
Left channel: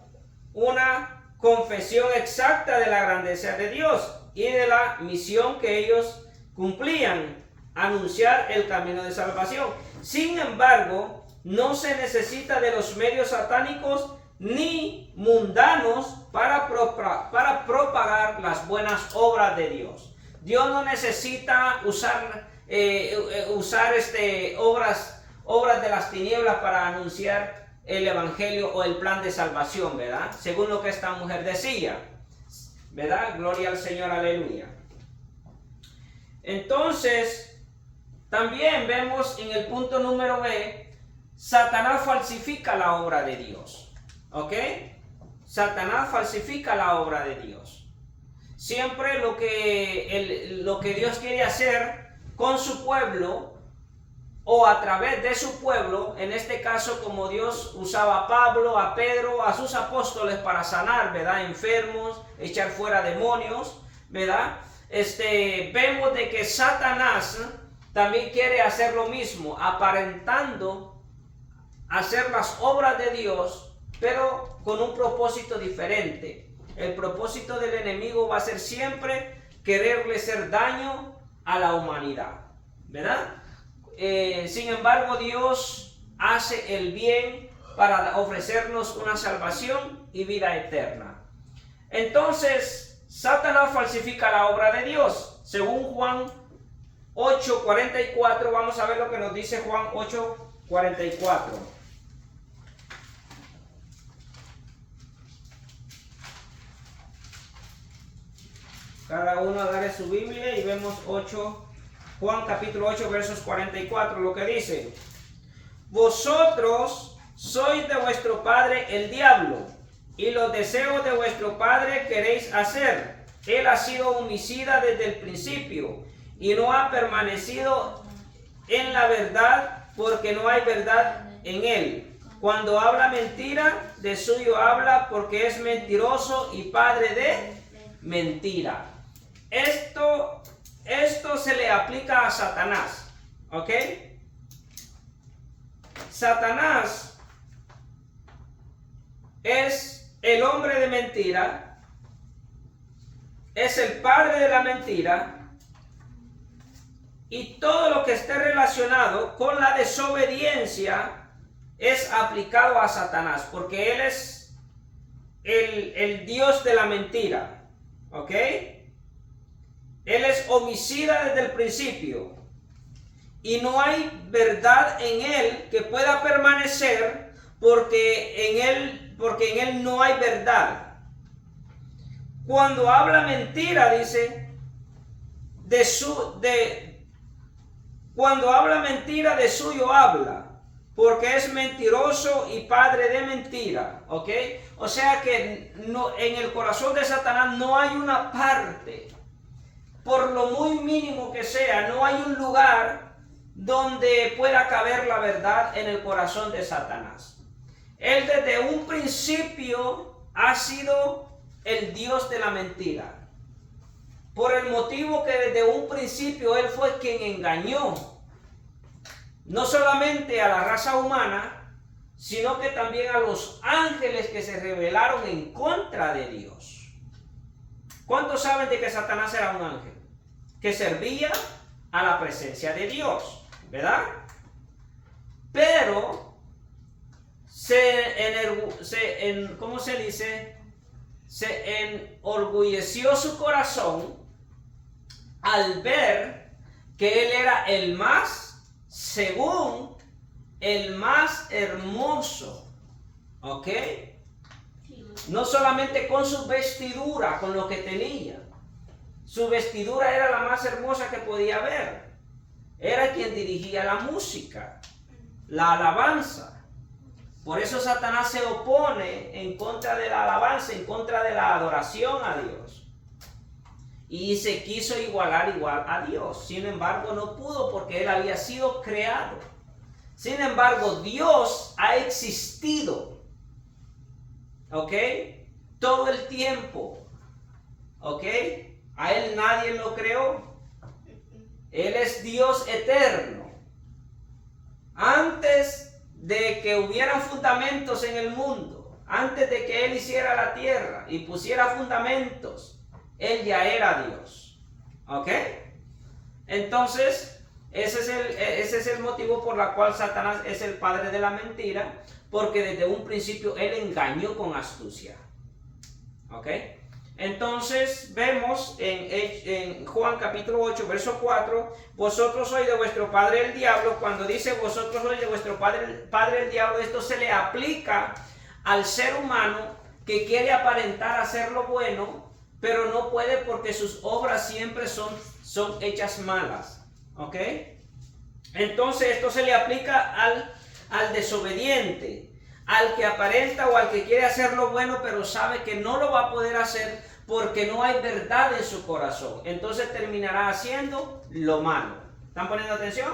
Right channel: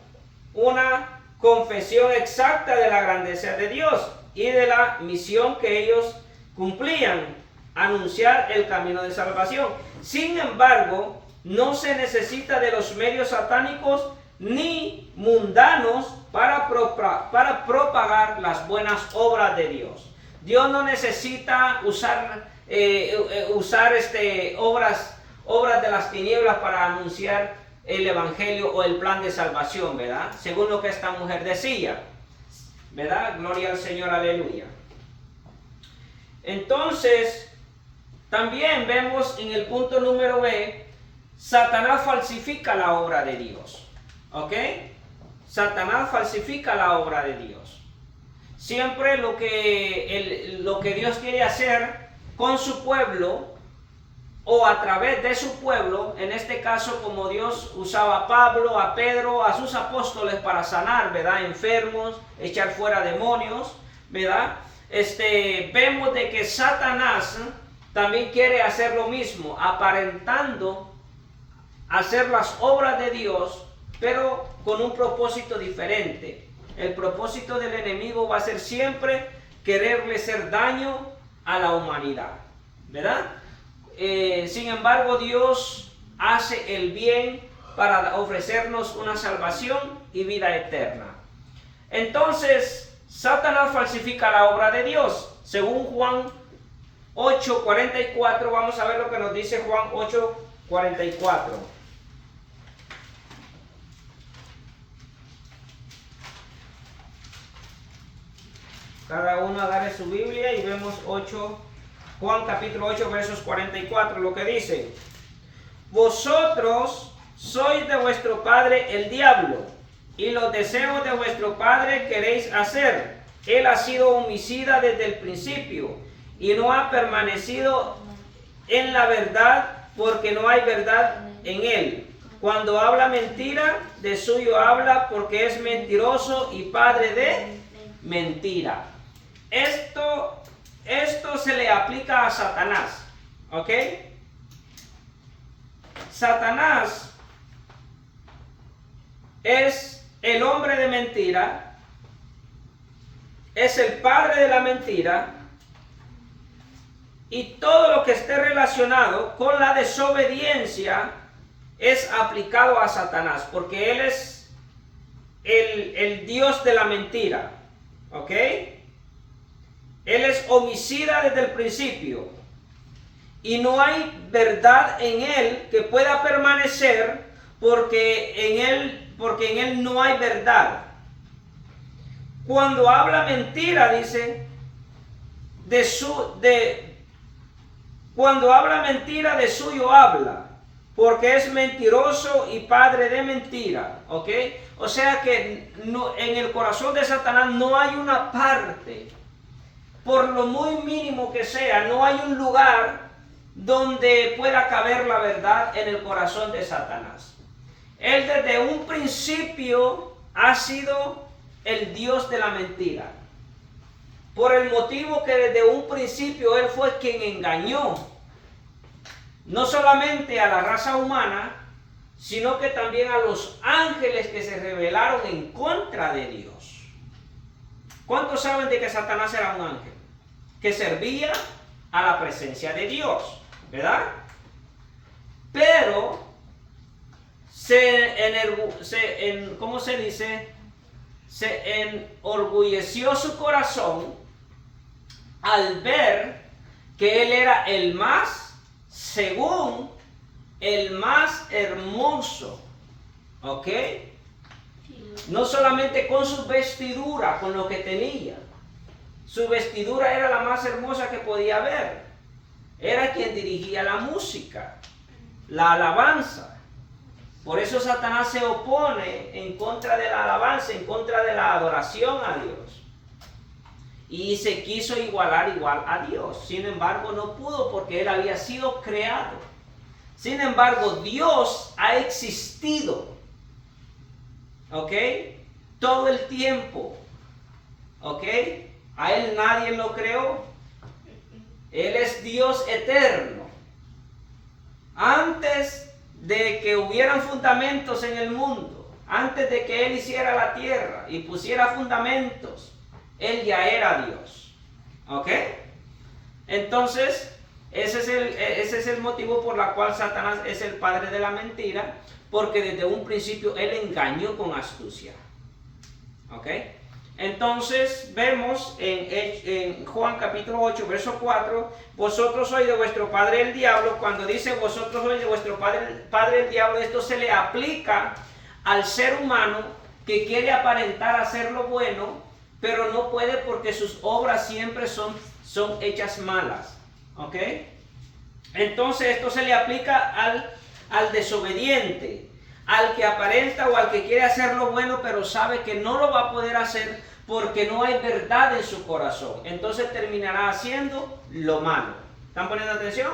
una confesión exacta de la grandeza de Dios y de la misión que ellos cumplían, anunciar el camino de salvación. Sin embargo, no se necesita de los medios satánicos ni mundanos para propagar las buenas obras de Dios. Dios no necesita usar obras de las tinieblas para anunciar el evangelio o el plan de salvación, ¿verdad? Según lo que esta mujer decía, ¿verdad? Gloria al Señor, aleluya. Entonces, también vemos en el punto número B, Satanás falsifica la obra de Dios. ¿Ok? Satanás falsifica la obra de Dios. Siempre lo que Dios quiere hacer con su pueblo o a través de su pueblo, en este caso como Dios usaba a Pablo, a Pedro, a sus apóstoles para sanar, ¿verdad? Enfermos, echar fuera demonios, ¿verdad? Vemos de que Satanás también quiere hacer lo mismo, aparentando hacer las obras de Dios, pero con un propósito diferente. El propósito del enemigo va a ser siempre quererle hacer daño a la humanidad, ¿verdad? Sin embargo, Dios hace el bien para ofrecernos una salvación y vida eterna. Entonces, Satanás falsifica la obra de Dios. Según Juan 8:44, vamos a ver lo que nos dice Juan 8:44. Cada uno agarre su Biblia y vemos Juan capítulo 8 versos 44, lo que dice: vosotros sois de vuestro padre el diablo, y los deseos de vuestro padre queréis hacer. Él ha sido homicida desde el principio, y no ha permanecido en la verdad, porque no hay verdad en él. Cuando habla mentira, de suyo habla, porque es mentiroso y padre de mentira. Esto se le aplica a Satanás, ¿ok? Satanás es el hombre de mentira, es el padre de la mentira, y todo lo que esté relacionado con la desobediencia es aplicado a Satanás, porque él es el Dios de la mentira, ¿ok? Él es homicida desde el principio. y no hay verdad en él que pueda permanecer, porque en él no hay verdad. Cuando habla mentira, dice, cuando habla mentira, de suyo habla, porque es mentiroso y padre de mentira. ¿Ok? O sea que no, en el corazón de Satanás no hay una parte, por lo muy mínimo que sea, no hay un lugar donde pueda caber la verdad en el corazón de Satanás. Él desde un principio ha sido el Dios de la mentira. Por el motivo que desde un principio él fue quien engañó no solamente a la raza humana, sino que también a los ángeles que se rebelaron en contra de Dios. ¿Cuántos saben de que Satanás era un ángel que servía a la presencia de Dios? ¿Verdad? Pero ¿cómo se dice? Se enorgulleció su corazón al ver que él era el más, según, el más hermoso. ¿Ok? No solamente con su vestidura, con lo que tenía. Su vestidura era la más hermosa que podía haber. Era quien dirigía la música, la alabanza. Por eso Satanás se opone en contra de la alabanza, en contra de la adoración a Dios. Y se quiso igualar a Dios. Sin embargo, no pudo porque él había sido creado. Sin embargo, Dios ha existido. ¿Ok? Todo el tiempo. ¿Ok? A él nadie lo creó. Él es Dios eterno. Antes de que hubieran fundamentos en el mundo, antes de que él hiciera la tierra y pusiera fundamentos, él ya era Dios. ¿Ok? Entonces, ese es el motivo por el cual Satanás es el padre de la mentira, porque desde un principio él engañó con astucia. ¿Ok? Entonces vemos en Juan capítulo 8, verso 4, vosotros sois de vuestro padre el diablo. Cuando dice vosotros sois de vuestro padre el diablo, esto se le aplica al ser humano que quiere aparentar hacer lo bueno, pero no puede porque sus obras siempre son hechas malas. ¿Ok? Entonces esto se le aplica al desobediente, al que aparenta o al que quiere hacer lo bueno, pero sabe que no lo va a poder hacer porque no hay verdad en su corazón. Entonces terminará haciendo lo malo. ¿Están poniendo atención?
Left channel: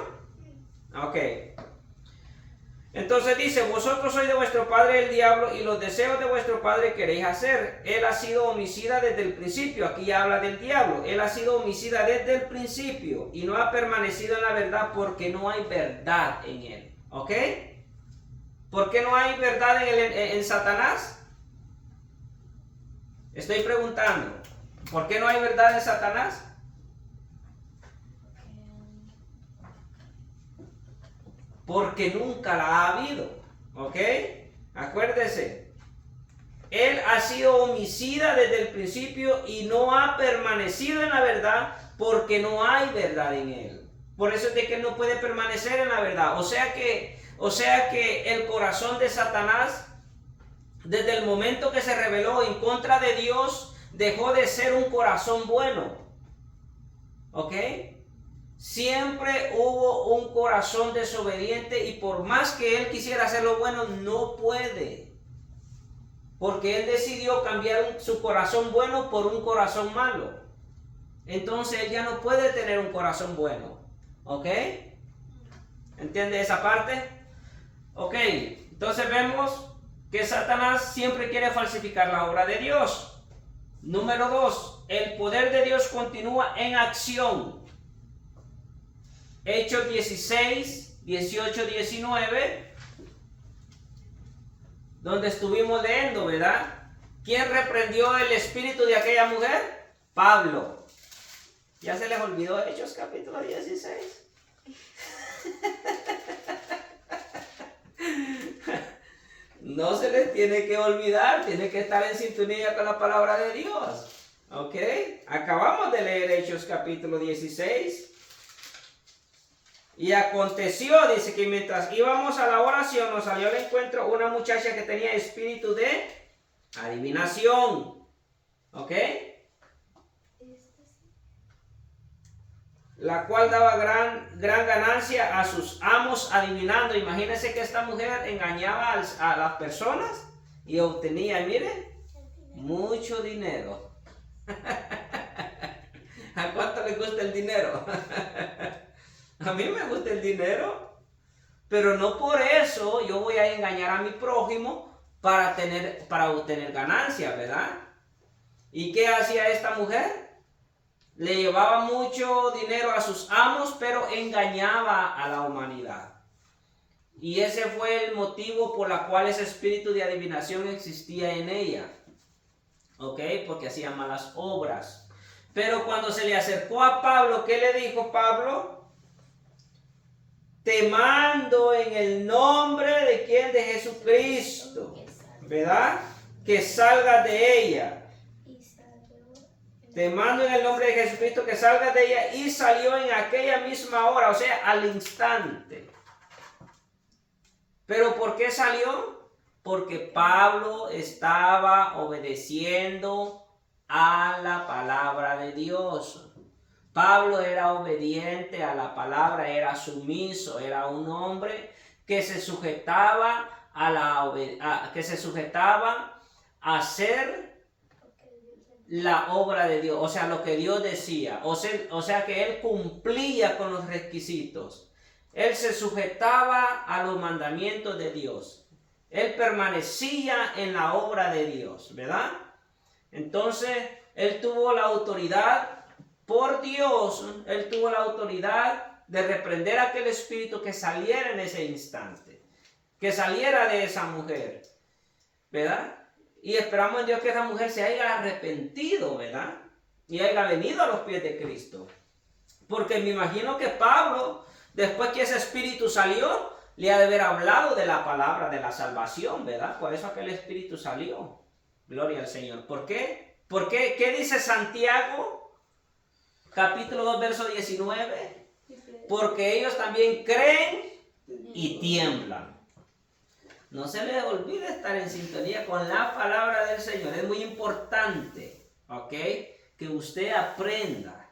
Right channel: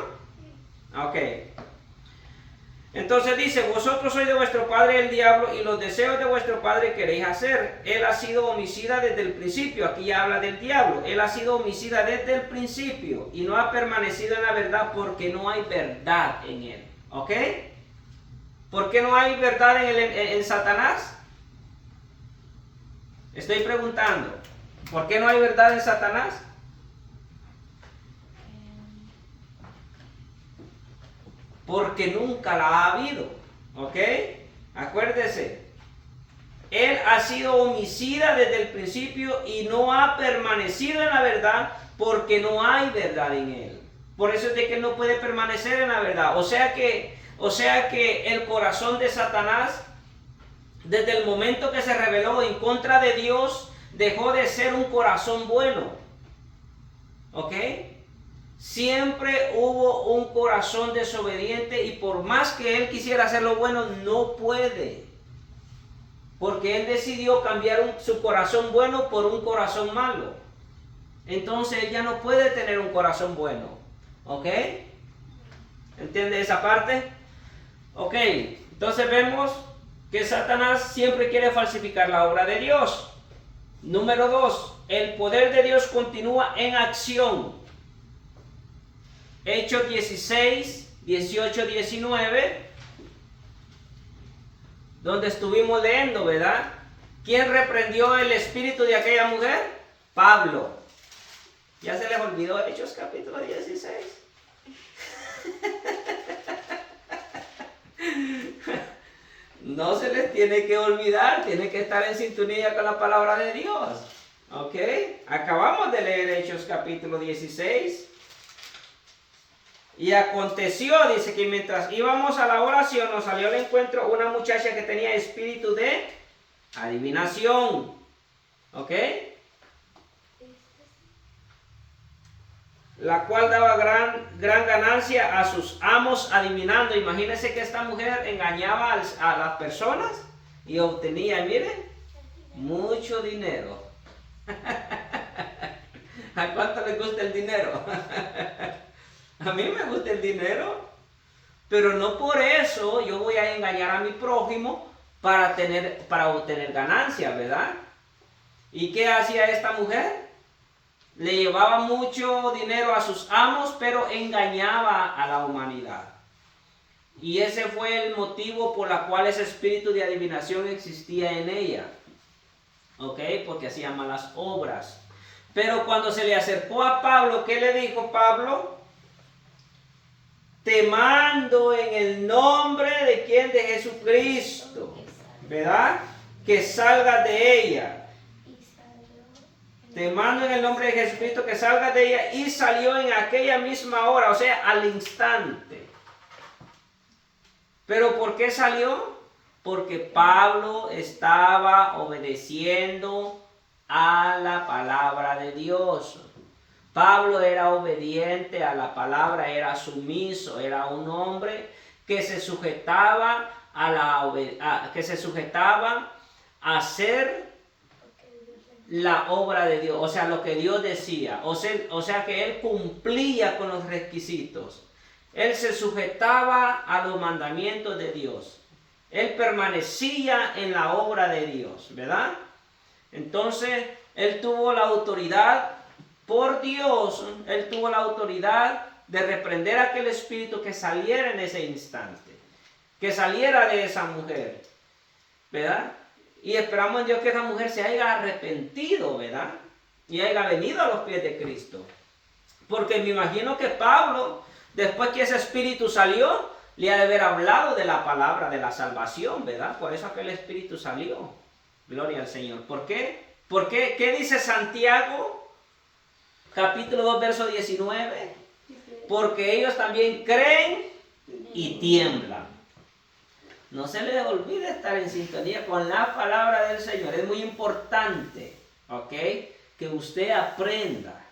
Ok. Entonces dice, vosotros sois de vuestro padre el diablo y los deseos de vuestro padre queréis hacer. Él ha sido homicida desde el principio. Aquí habla del diablo. Él ha sido homicida desde el principio y no ha permanecido en la verdad porque no hay verdad en él. ¿Ok? ¿Por qué no hay verdad en Satanás? Estoy preguntando, ¿por qué no hay verdad en Satanás? Porque nunca la ha habido. ¿Ok? Acuérdese. Él ha sido homicida desde el principio y no ha permanecido en la verdad porque no hay verdad en él. Por eso es de que no puede permanecer en la verdad. O sea que el corazón de Satanás, desde el momento que se rebeló en contra de Dios, dejó de ser un corazón bueno. ¿Ok? Siempre hubo un corazón desobediente y por más que él quisiera hacer lo bueno, no puede. Porque él decidió cambiar su corazón bueno por un corazón malo. Entonces él ya no puede tener un corazón bueno. ¿Ok? ¿Entiende esa parte? Ok, entonces vemos que Satanás siempre quiere falsificar la obra de Dios. Número 2, el poder de Dios continúa en acción. Hechos 16, 18, 19, donde estuvimos leyendo, ¿verdad? ¿Quién reprendió el espíritu de aquella mujer? Pablo. ¿Ya se les olvidó Hechos capítulo 16? No se les tiene que olvidar, tiene que estar en sintonía con la palabra de Dios. ¿Ok? Acabamos de leer Hechos capítulo 16. Y aconteció, dice, que mientras íbamos a la oración, nos salió al encuentro una muchacha que tenía espíritu de adivinación. ¿Ok? La cual daba gran ganancia a sus amos adivinando. Imagínense que esta mujer engañaba a las personas y obtenía, miren, mucho dinero. ¿A cuánto les gusta el dinero? A mí me gusta el dinero, pero no por eso yo voy a engañar a mi prójimo para obtener ganancias, ¿verdad? ¿Y qué hacía esta mujer? Le llevaba mucho dinero a sus amos, pero engañaba a la humanidad. Y ese fue el motivo por el cual ese espíritu de adivinación existía en ella. ¿Ok? Porque hacía malas obras. Pero cuando se le acercó a Pablo, ¿qué le dijo Pablo? Te mando en el nombre de quién, de Jesucristo, ¿verdad? Que salgas de ella. Te mando en el nombre de Jesucristo que salgas de ella. Y salió en aquella misma hora, o sea, al instante. ¿Pero por qué salió? Porque Pablo estaba obedeciendo a la palabra de Dios. Pablo era obediente a la palabra, era sumiso, era un hombre que se sujetaba a hacer la obra de Dios, o sea, lo que Dios decía, o sea que él cumplía con los requisitos. Él se sujetaba a los mandamientos de Dios. Él permanecía en la obra de Dios, ¿verdad? Entonces, él tuvo la autoridad por Dios, él tuvo la autoridad de reprender a aquel espíritu que saliera en ese instante, que saliera de esa mujer, ¿verdad? Y esperamos en Dios que esa mujer se haya arrepentido, ¿verdad? Y haya venido a los pies de Cristo. Porque me imagino que Pablo, después que ese espíritu salió, le ha de haber hablado de la palabra de la salvación, ¿verdad? Por eso aquel espíritu salió. Gloria al Señor. ¿Por qué? ¿Por qué? ¿Qué dice Santiago? Capítulo 2, verso 19. Porque ellos también creen y tiemblan. No se les olvide estar en sintonía con la palabra del Señor. Es muy importante, ¿ok? Que usted aprenda.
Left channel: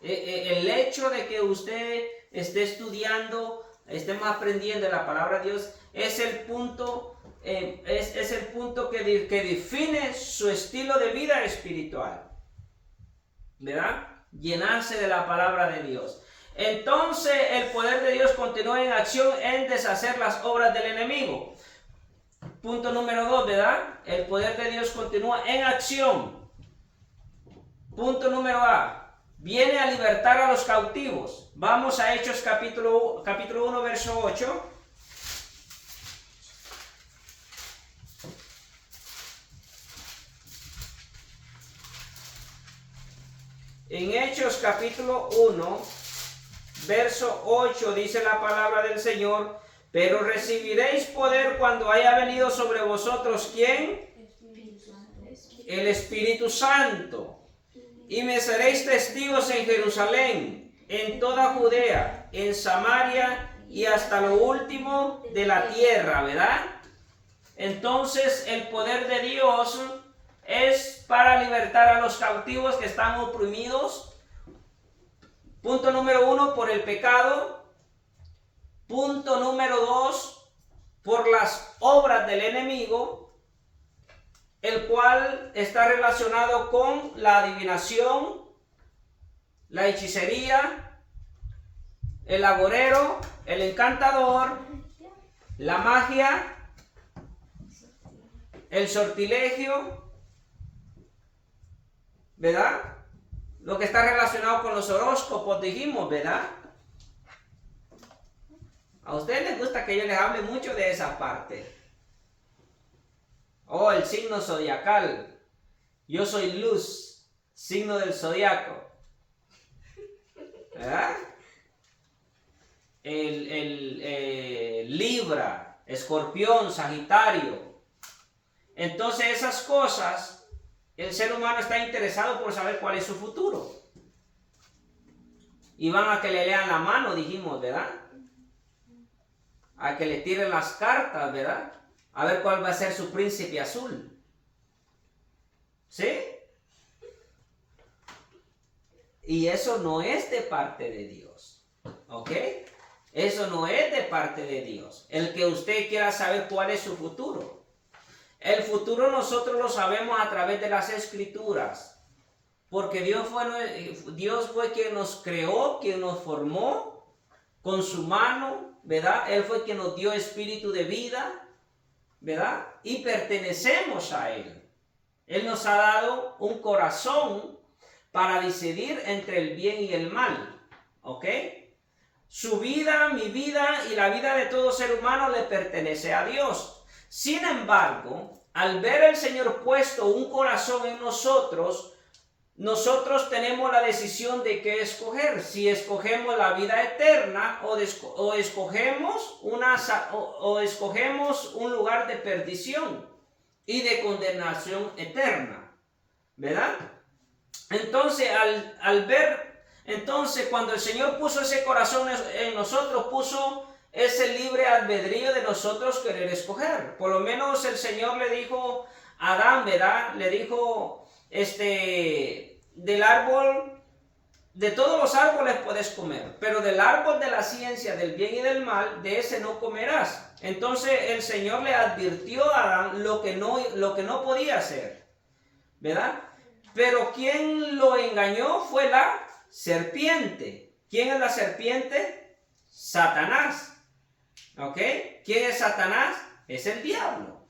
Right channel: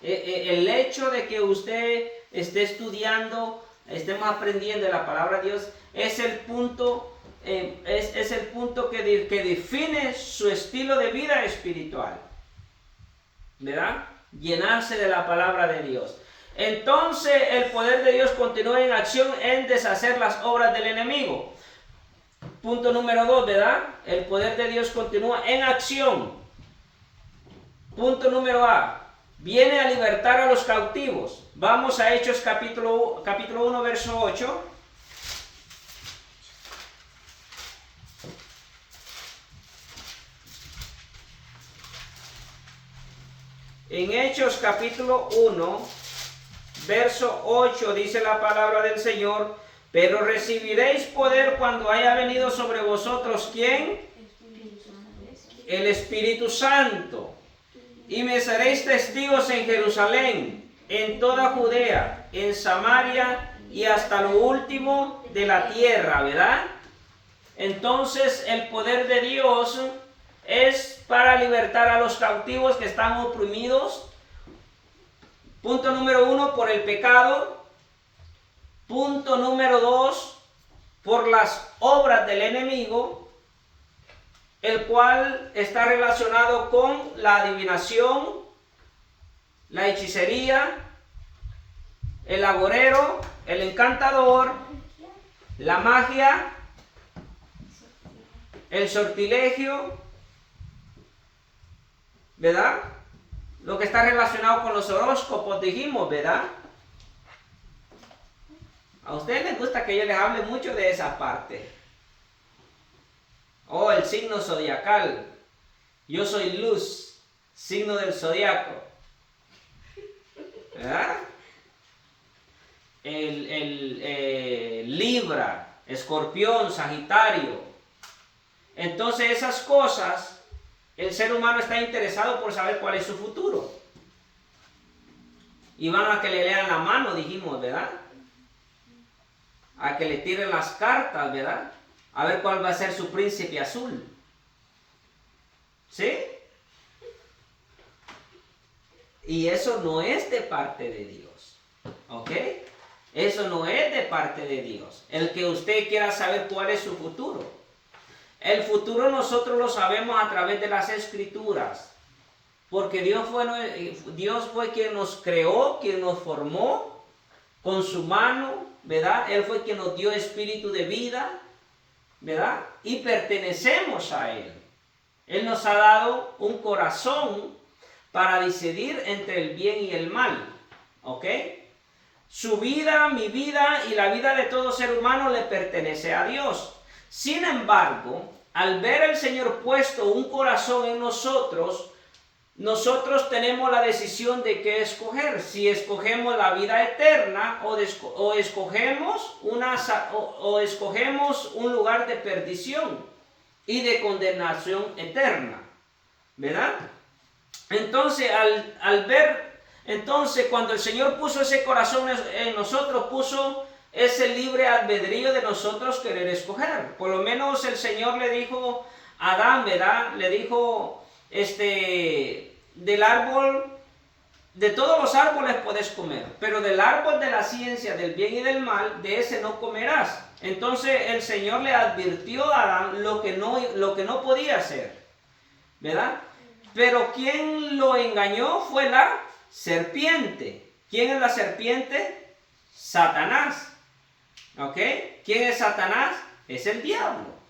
El hecho de que usted esté estudiando, estemos aprendiendo la palabra de Dios, es el punto, es el punto que define su estilo de vida espiritual. ¿Verdad? Llenarse de la palabra de Dios. Entonces el poder de Dios continúa en acción en deshacer las obras del enemigo. Punto número 2, ¿verdad? El poder de Dios continúa en acción. Punto número A. Viene a libertar a los cautivos. Vamos a Hechos capítulo 1, verso 8. En Hechos capítulo 1, verso 8 dice la palabra del Señor: pero recibiréis poder cuando haya venido sobre vosotros, ¿quién? El Espíritu Santo. Y me seréis testigos en Jerusalén, en toda Judea, en Samaria y hasta lo último de la tierra, ¿verdad? Entonces el poder de Dios es para libertar a los cautivos que están oprimidos. Punto número 1, por el pecado. Punto número 2, por las obras del enemigo, el cual está relacionado con la adivinación, la hechicería, el agorero, el encantador, la magia, el sortilegio, ¿verdad? Lo que está relacionado con los horóscopos, dijimos, ¿verdad? A ustedes les gusta que yo les hable mucho de esa parte. Oh, el signo zodiacal. Yo soy luz, signo del zodiaco. ¿Verdad? Libra, Escorpión, Sagitario. Entonces esas cosas, el ser humano está interesado por saber cuál es su futuro. y van a que le lean la mano, dijimos, ¿verdad? A que le tiren las cartas, ¿verdad? A ver cuál va a ser su príncipe azul. ¿Sí? Y eso no es de parte de Dios. ¿Ok? Eso no es de parte de Dios. El que usted quiera saber cuál es su futuro. El futuro nosotros lo sabemos a través de las Escrituras. Porque Dios fue quien nos creó, quien nos formó con su mano, ¿verdad? Él fue quien nos dio espíritu de vida, ¿verdad? Y pertenecemos a Él. Él nos ha dado un corazón para decidir entre el bien y el mal. ¿Ok? Su vida, mi vida y la vida de todo ser humano le pertenece a Dios. Sin embargo, al ver el Señor puesto un corazón en nosotros, nosotros tenemos la decisión de qué escoger. Si escogemos la vida eterna o escogemos un lugar de perdición y de condenación eterna, ¿verdad? Entonces, cuando el Señor puso ese corazón en nosotros, puso ese libre albedrío de nosotros querer escoger. Por lo menos el Señor le dijo a Adán, ¿verdad? Le dijo, del árbol, de todos los árboles puedes comer, pero del árbol de la ciencia del bien y del mal, de ese no comerás. Entonces el Señor le advirtió a Adán lo que no podía hacer, ¿verdad? Pero quien lo engañó fue la serpiente. ¿Quién es la serpiente? Satanás. ¿Ok? ¿Quién es Satanás? Es el diablo.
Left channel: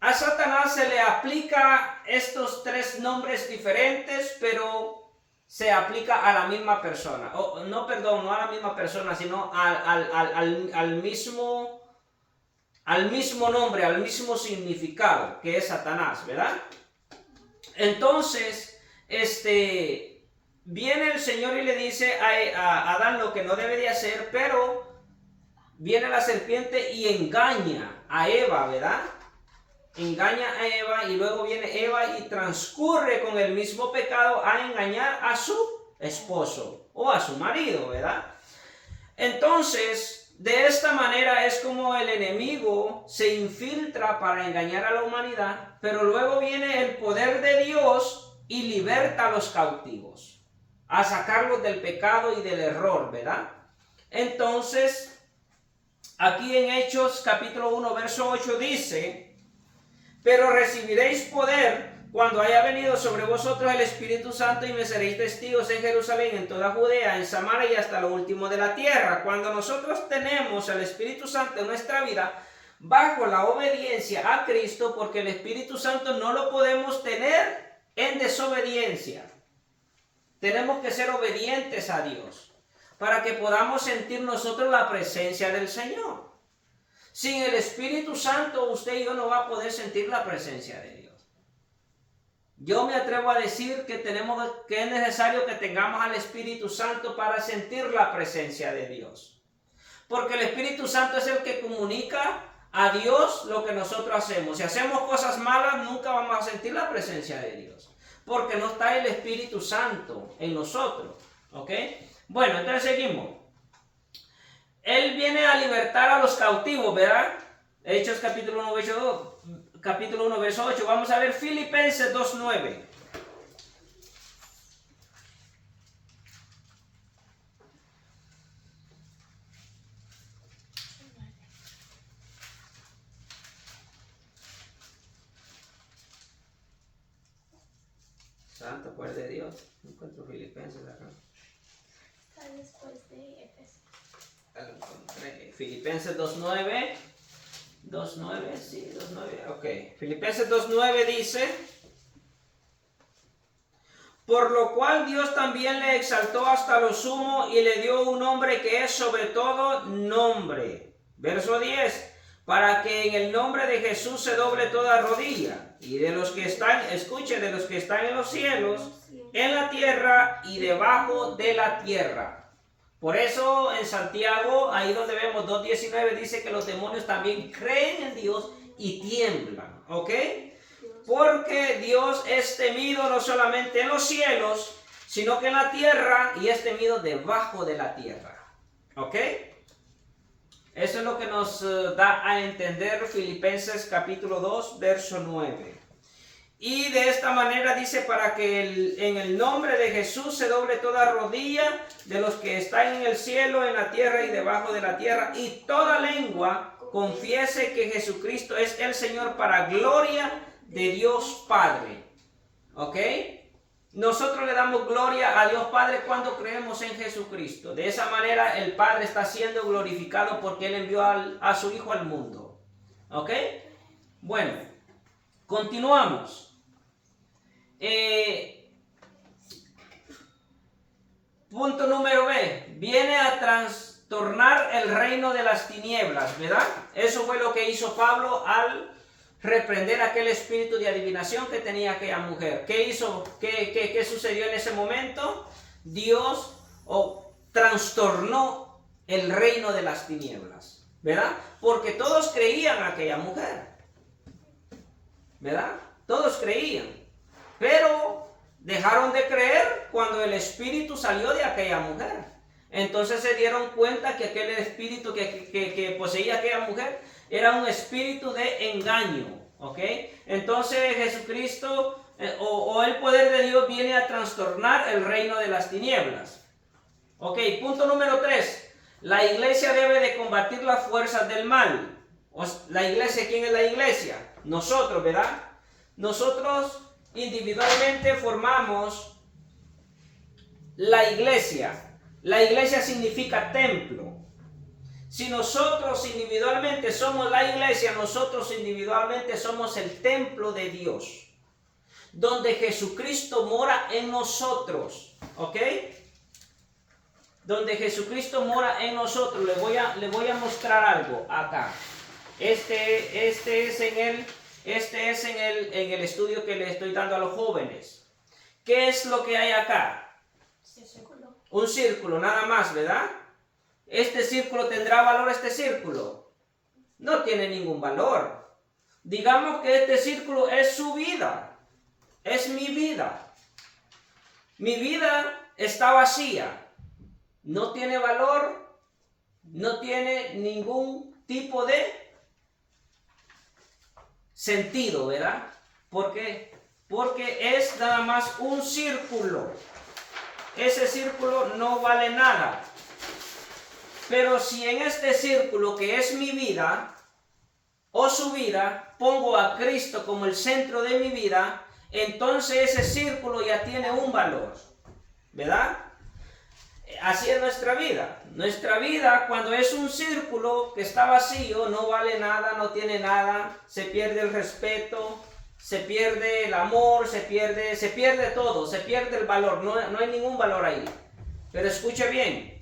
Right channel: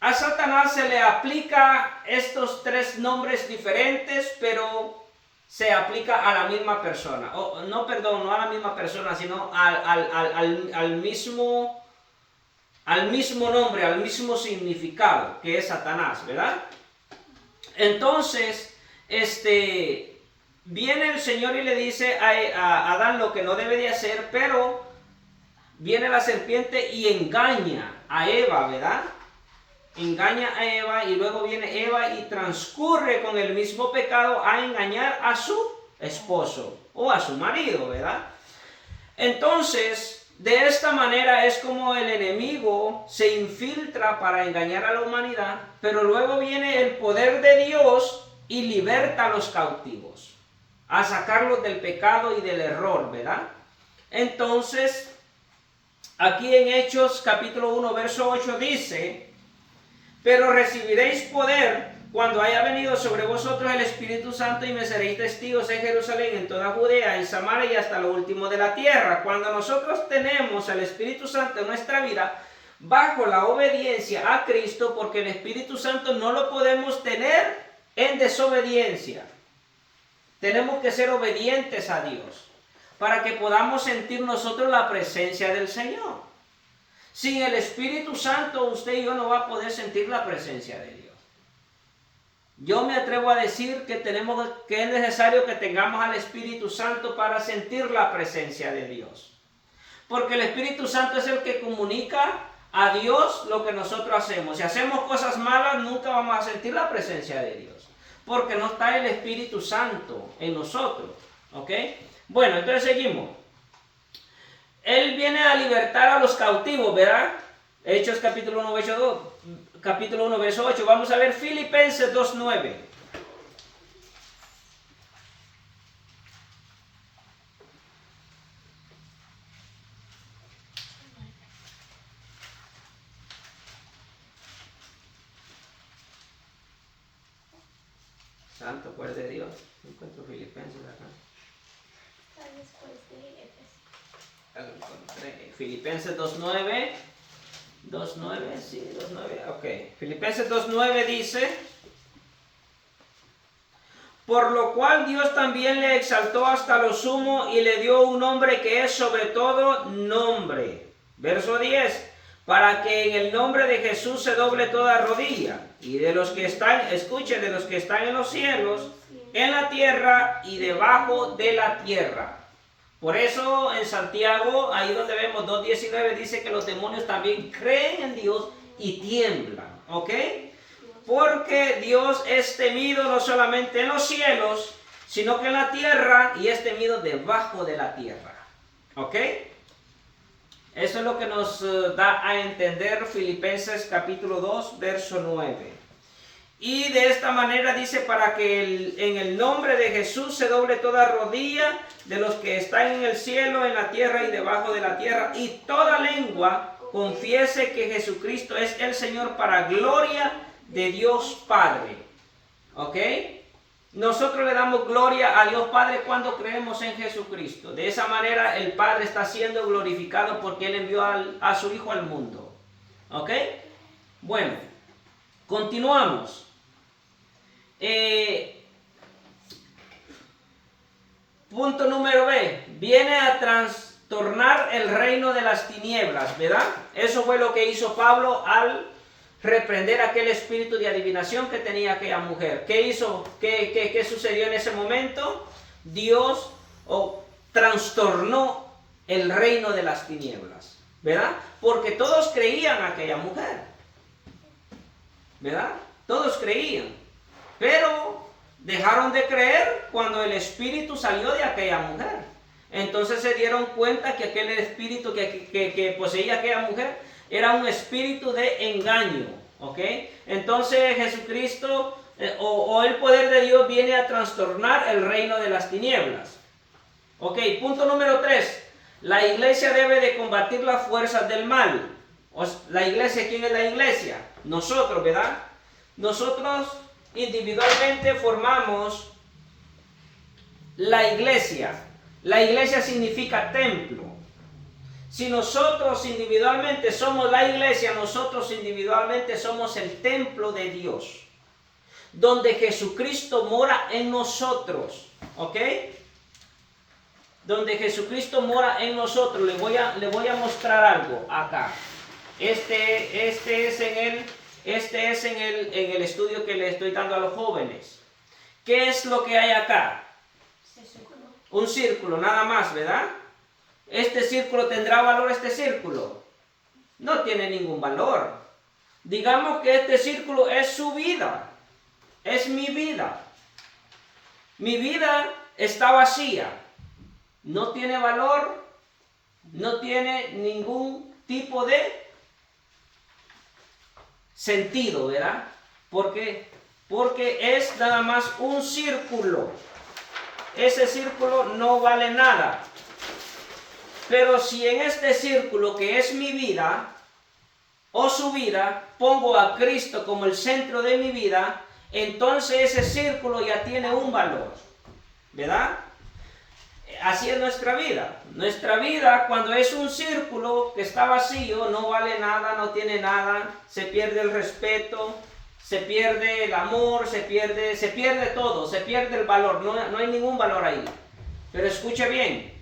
A Satanás se le aplica estos tres nombres diferentes, pero se aplica a la misma persona. No a la misma persona, sino al mismo nombre, al mismo significado, que es Satanás, ¿verdad? Entonces, viene el Señor y le dice a Adán lo que no debe de hacer, pero viene la serpiente y engaña a Eva, ¿verdad? Engaña a Eva y luego viene Eva y transcurre con el mismo pecado a engañar a su esposo o a su marido, ¿verdad? Entonces, de esta manera es como el enemigo se infiltra para engañar a la humanidad, pero luego viene el poder de Dios y liberta a los cautivos, a sacarlos del pecado y del error, ¿verdad? Entonces, aquí en Hechos capítulo 1, verso 8 dice: pero recibiréis poder cuando haya venido sobre vosotros el Espíritu Santo y me seréis testigos en Jerusalén, en toda Judea, en Samaria y hasta lo último de la tierra. Cuando nosotros tenemos el Espíritu Santo en nuestra vida, bajo la obediencia a Cristo, porque el Espíritu Santo no lo podemos tener en desobediencia. Tenemos que ser obedientes a Dios para que podamos sentir nosotros la presencia del Señor. Sin el Espíritu Santo, usted y yo no va a poder sentir la presencia de Dios. Yo me atrevo a decir que es necesario que tengamos al Espíritu Santo para sentir la presencia de Dios. Porque el Espíritu Santo es el que comunica a Dios lo que nosotros hacemos. Si hacemos cosas malas, nunca vamos a sentir la presencia de Dios. Porque no está el Espíritu Santo en nosotros. ¿Ok? Bueno, entonces seguimos. Él viene a libertar a los cautivos, ¿verdad? Hechos capítulo 1, verso 8. Vamos a ver Filipenses 2:9. Santo poder de Dios. Encuentro Filipenses acá. Está después de Efesios. Filipenses 2:9. 2:9, sí, 2:9. Ok. Filipenses 2:9 dice: por lo cual Dios también le exaltó hasta lo sumo y le dio un nombre que es sobre todo nombre. Verso 10. Para que en el nombre de Jesús se doble toda rodilla. Y de los que están, escuchen, de los que están en los cielos, en la tierra y debajo de la tierra. Por eso en Santiago, ahí donde vemos 2:19, dice que los demonios también creen en Dios y tiemblan. ¿Ok? Porque Dios es temido no solamente en los cielos, sino que en la tierra y es temido debajo de la tierra. ¿Ok? Eso es lo que nos da a entender Filipenses capítulo 2, verso 9. Y de esta manera dice, para que en el nombre de Jesús se doble toda rodilla de los que están en el cielo, en la tierra y debajo de la tierra, y toda lengua confiese que Jesucristo es el Señor, para gloria de Dios Padre. ¿Ok? Nosotros le damos gloria a Dios Padre cuando creemos en Jesucristo. De esa manera el Padre está siendo glorificado porque Él envió a su Hijo al mundo. ¿Ok? Bueno, continuamos. Punto número B. Viene a trastornar el reino de las tinieblas, ¿verdad? Eso fue lo que hizo Pablo al reprender aquel espíritu de adivinación que tenía aquella mujer. ¿Qué hizo? ¿Qué sucedió en ese momento? Dios trastornó el reino de las tinieblas, ¿verdad? Porque todos creían a aquella mujer, ¿verdad? Todos creían, pero dejaron de creer cuando el espíritu salió de aquella mujer. Entonces se dieron cuenta que aquel espíritu que poseía aquella mujer era un espíritu de engaño, ¿ok? Entonces Jesucristo o el poder de Dios viene a trastornar el reino de las tinieblas. Ok, punto número 3. La iglesia debe de combatir las fuerzas del mal. La iglesia, ¿quién es la iglesia? Nosotros, ¿verdad? Nosotros individualmente formamos la iglesia. La iglesia significa templo. Si nosotros individualmente somos la iglesia, nosotros individualmente somos el templo de Dios, donde Jesucristo mora en nosotros, ¿ok? Donde Jesucristo mora en nosotros. Le voy a mostrar algo acá. Este es en el estudio que le estoy dando a los jóvenes. ¿Qué es lo que hay acá? Un círculo, nada más, ¿verdad? ¿Este círculo tendrá valor, este círculo? No tiene ningún valor. Digamos que este círculo es su vida. Es mi vida. Mi vida está vacía. No tiene valor. No tiene ningún tipo de sentido, ¿verdad? ¿Por qué? Porque es nada más un círculo. Ese círculo no vale nada. Pero si en este círculo que es mi vida o su vida, pongo a Cristo como el centro de mi vida, entonces ese círculo ya tiene un valor, ¿verdad? Así es nuestra vida. Nuestra vida, cuando es un círculo que está vacío, no vale nada, no tiene nada, se pierde el respeto, se pierde el amor, se pierde todo, se pierde el valor, no hay ningún valor ahí. Pero escuche bien,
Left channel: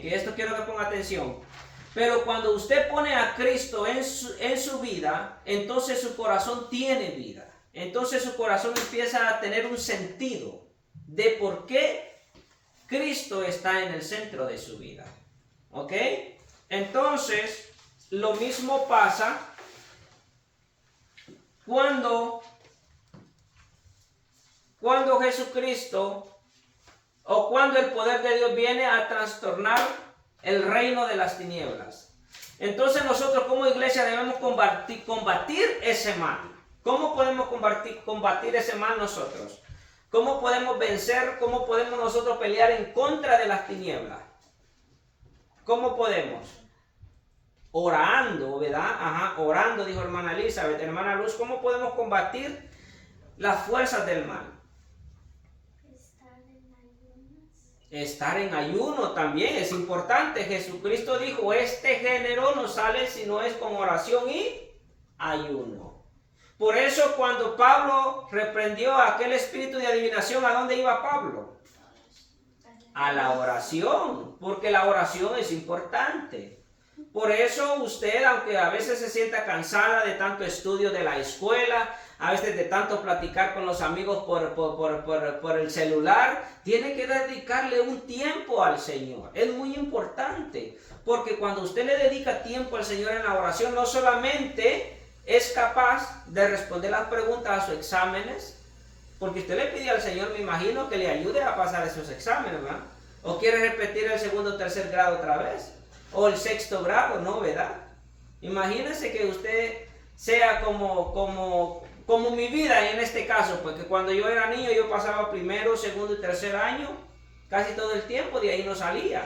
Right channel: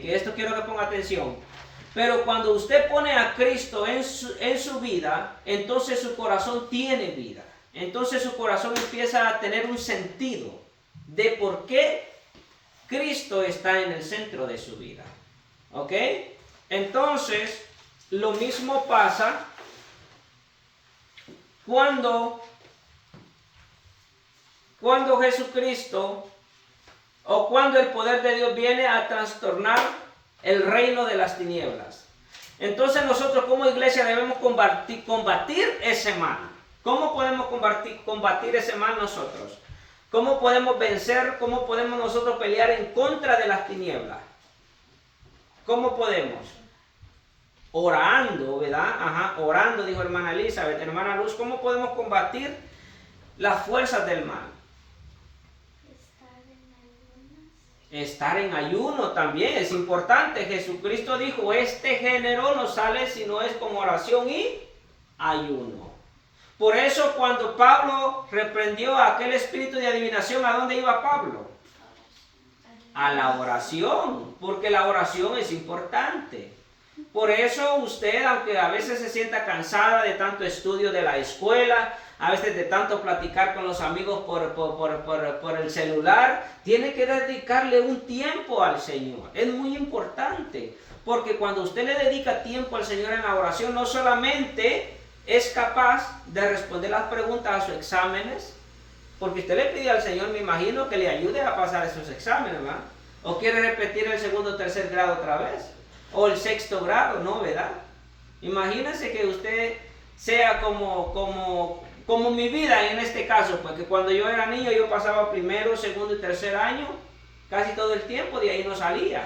que esto quiero que ponga atención. Pero cuando usted pone a Cristo en su vida, entonces su corazón tiene vida. Entonces su corazón empieza a tener un sentido de por qué Cristo está en el centro de su vida. ¿Ok? Entonces, lo mismo pasa cuando Jesucristo o cuando el poder de Dios viene a trastornar el reino de las tinieblas. Entonces nosotros como iglesia debemos combatir ese mal. ¿Cómo podemos combatir ese mal nosotros? ¿Cómo podemos vencer? ¿Cómo podemos nosotros pelear en contra de las tinieblas? ¿Cómo podemos? Orando, ¿verdad? Ajá, orando, dijo hermana Elizabeth. Hermana Luz, ¿cómo podemos combatir las fuerzas del mal? Estar en ayuno también es importante. Jesucristo dijo, este género no sale si no es con oración y ayuno. Por eso cuando Pablo reprendió a aquel espíritu de adivinación, ¿a dónde iba Pablo? A la oración, porque la oración es importante. Por eso usted, aunque a veces se sienta cansada de tanto estudio de la escuela, a veces de tanto platicar con los amigos por el celular, tiene que dedicarle un tiempo al Señor. Es muy importante, porque cuando usted le dedica tiempo al Señor en la oración, no solamente es capaz de responder las preguntas a sus exámenes, Porque usted le pidió al Señor, me imagino, que le ayude a pasar esos exámenes, ¿verdad? O quiere repetir el segundo o tercer grado otra vez. O el sexto grado, ¿no? ¿Verdad? Imagínese que usted sea como mi vida en este caso, porque cuando yo era niño yo pasaba primero, segundo y tercer año, casi todo el tiempo, de ahí no salía.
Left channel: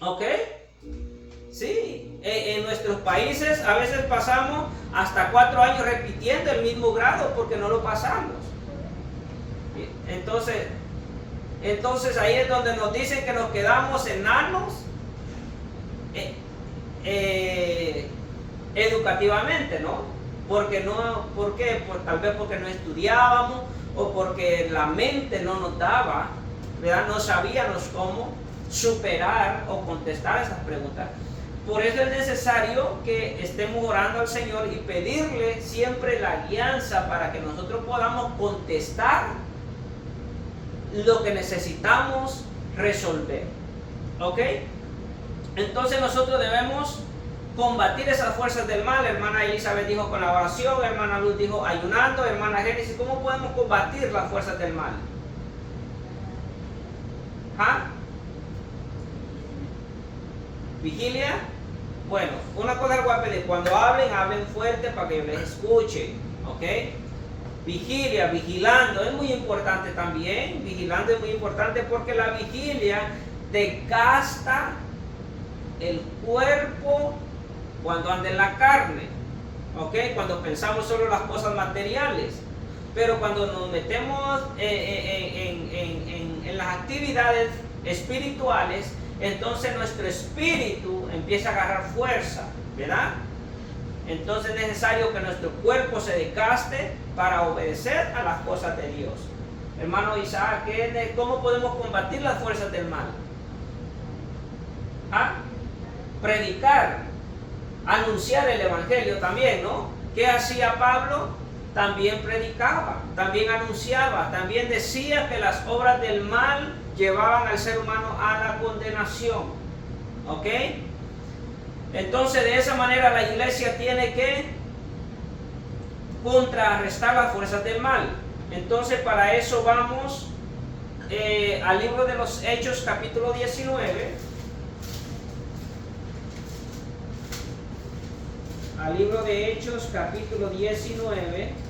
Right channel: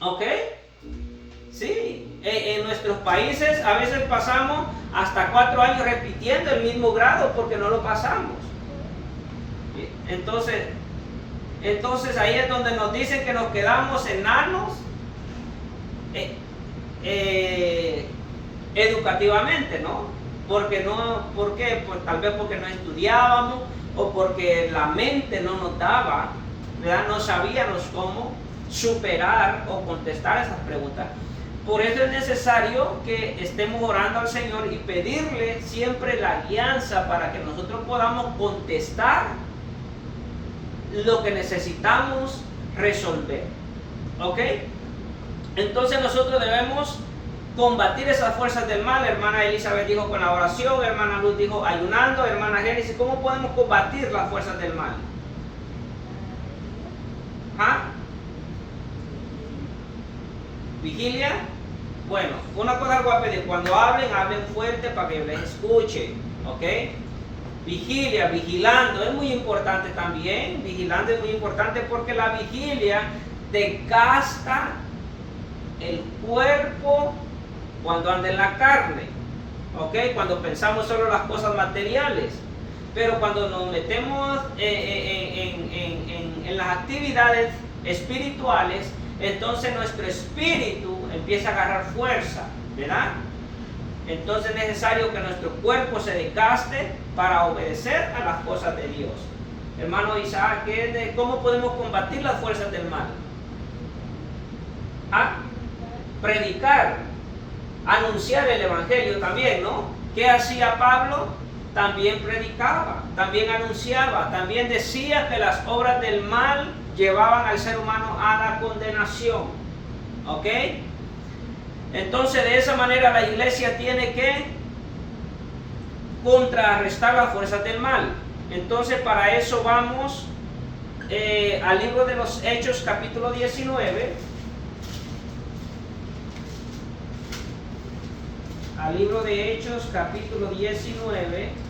¿Ok? Sí, en nuestros países a veces pasamos hasta 4 años repitiendo el mismo grado porque no lo pasamos. Entonces ahí es donde nos dicen que nos quedamos enanos educativamente, ¿no? ¿Por qué? Pues tal vez porque no estudiábamos o porque la mente no nos daba, ¿verdad? No sabíamos cómo superar o contestar esas preguntas. Por eso es necesario que estemos orando al Señor y pedirle siempre la guianza para que nosotros podamos contestar lo que necesitamos resolver. ¿Ok? Entonces nosotros debemos combatir esas fuerzas del mal. Hermana Elizabeth dijo con la oración, hermana Luz dijo ayunando, hermana Génesis, ¿cómo podemos combatir las fuerzas del mal? ¿Ah? ¿Vigilia? Bueno, una cosa algo a pedir, cuando hablen fuerte para que les escuche, ¿ok? Vigilia, vigilando, es muy importante también, vigilando es muy importante porque la vigilia desgasta el cuerpo cuando anda en la carne, ¿ok? Cuando pensamos solo las cosas materiales, pero cuando nos metemos en las actividades espirituales, entonces nuestro espíritu empieza a agarrar fuerza, ¿verdad? Entonces es necesario que nuestro cuerpo se desgaste para obedecer a las cosas de Dios. Hermano Isaac, ¿cómo podemos combatir las fuerzas del mal? ¿Ah? Predicar, anunciar el evangelio también, ¿no? ¿Qué hacía Pablo? También predicaba, también anunciaba, también decía que las obras del mal llevaban al ser humano a la condenación. ¿Ok? Entonces de esa manera la iglesia tiene que contrarrestar las fuerzas del mal. Entonces para eso vamos al libro de los Hechos capítulo 19. Al libro de Hechos capítulo 19.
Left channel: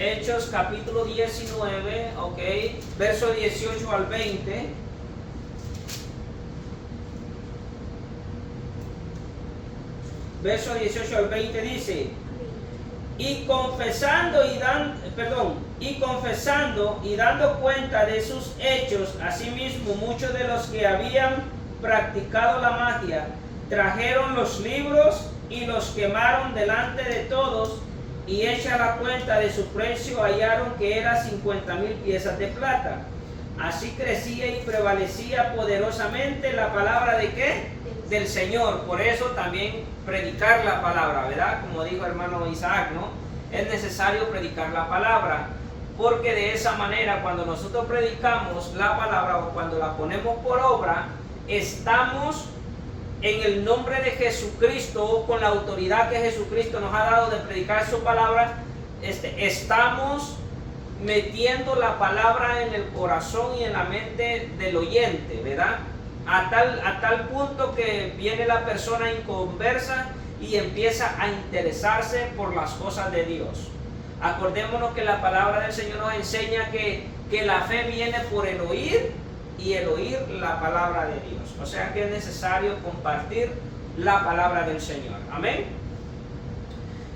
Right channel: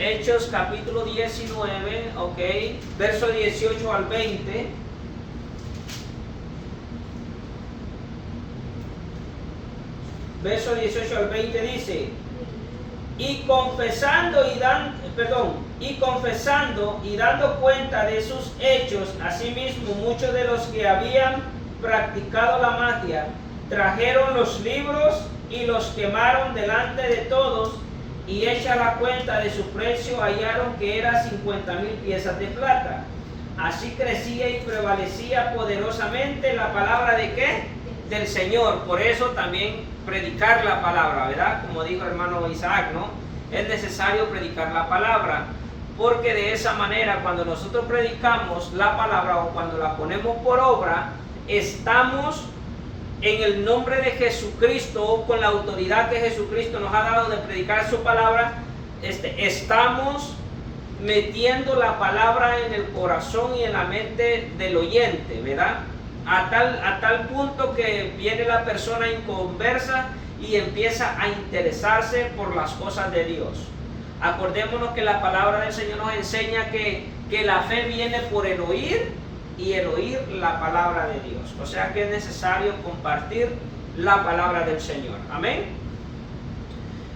Hechos capítulo 19, ok, verso 18 al 20. Verso 18 al 20 dice: y confesando y dando cuenta de sus hechos, asimismo muchos de los que habían practicado la magia trajeron los libros y los quemaron delante de todos, y hecha la cuenta de su precio hallaron que era 50,000 piezas de plata. Así crecía y prevalecía poderosamente la palabra ¿de qué? Del Señor. Por eso también predicar la palabra, ¿verdad? Como dijo hermano Isaac, ¿no? Es necesario predicar la palabra, porque de esa manera cuando nosotros predicamos la palabra o cuando la ponemos por obra, estamos en el nombre de Jesucristo, con la autoridad que Jesucristo nos ha dado de predicar su palabra, estamos metiendo la palabra en el corazón y en la mente del oyente, ¿verdad? A tal punto que viene la persona inconversa y empieza a interesarse por las cosas de Dios. Acordémonos que la palabra del Señor nos enseña que la fe viene por el oír y el oír la palabra de Dios. O sea que es necesario compartir la palabra del Señor. Amén.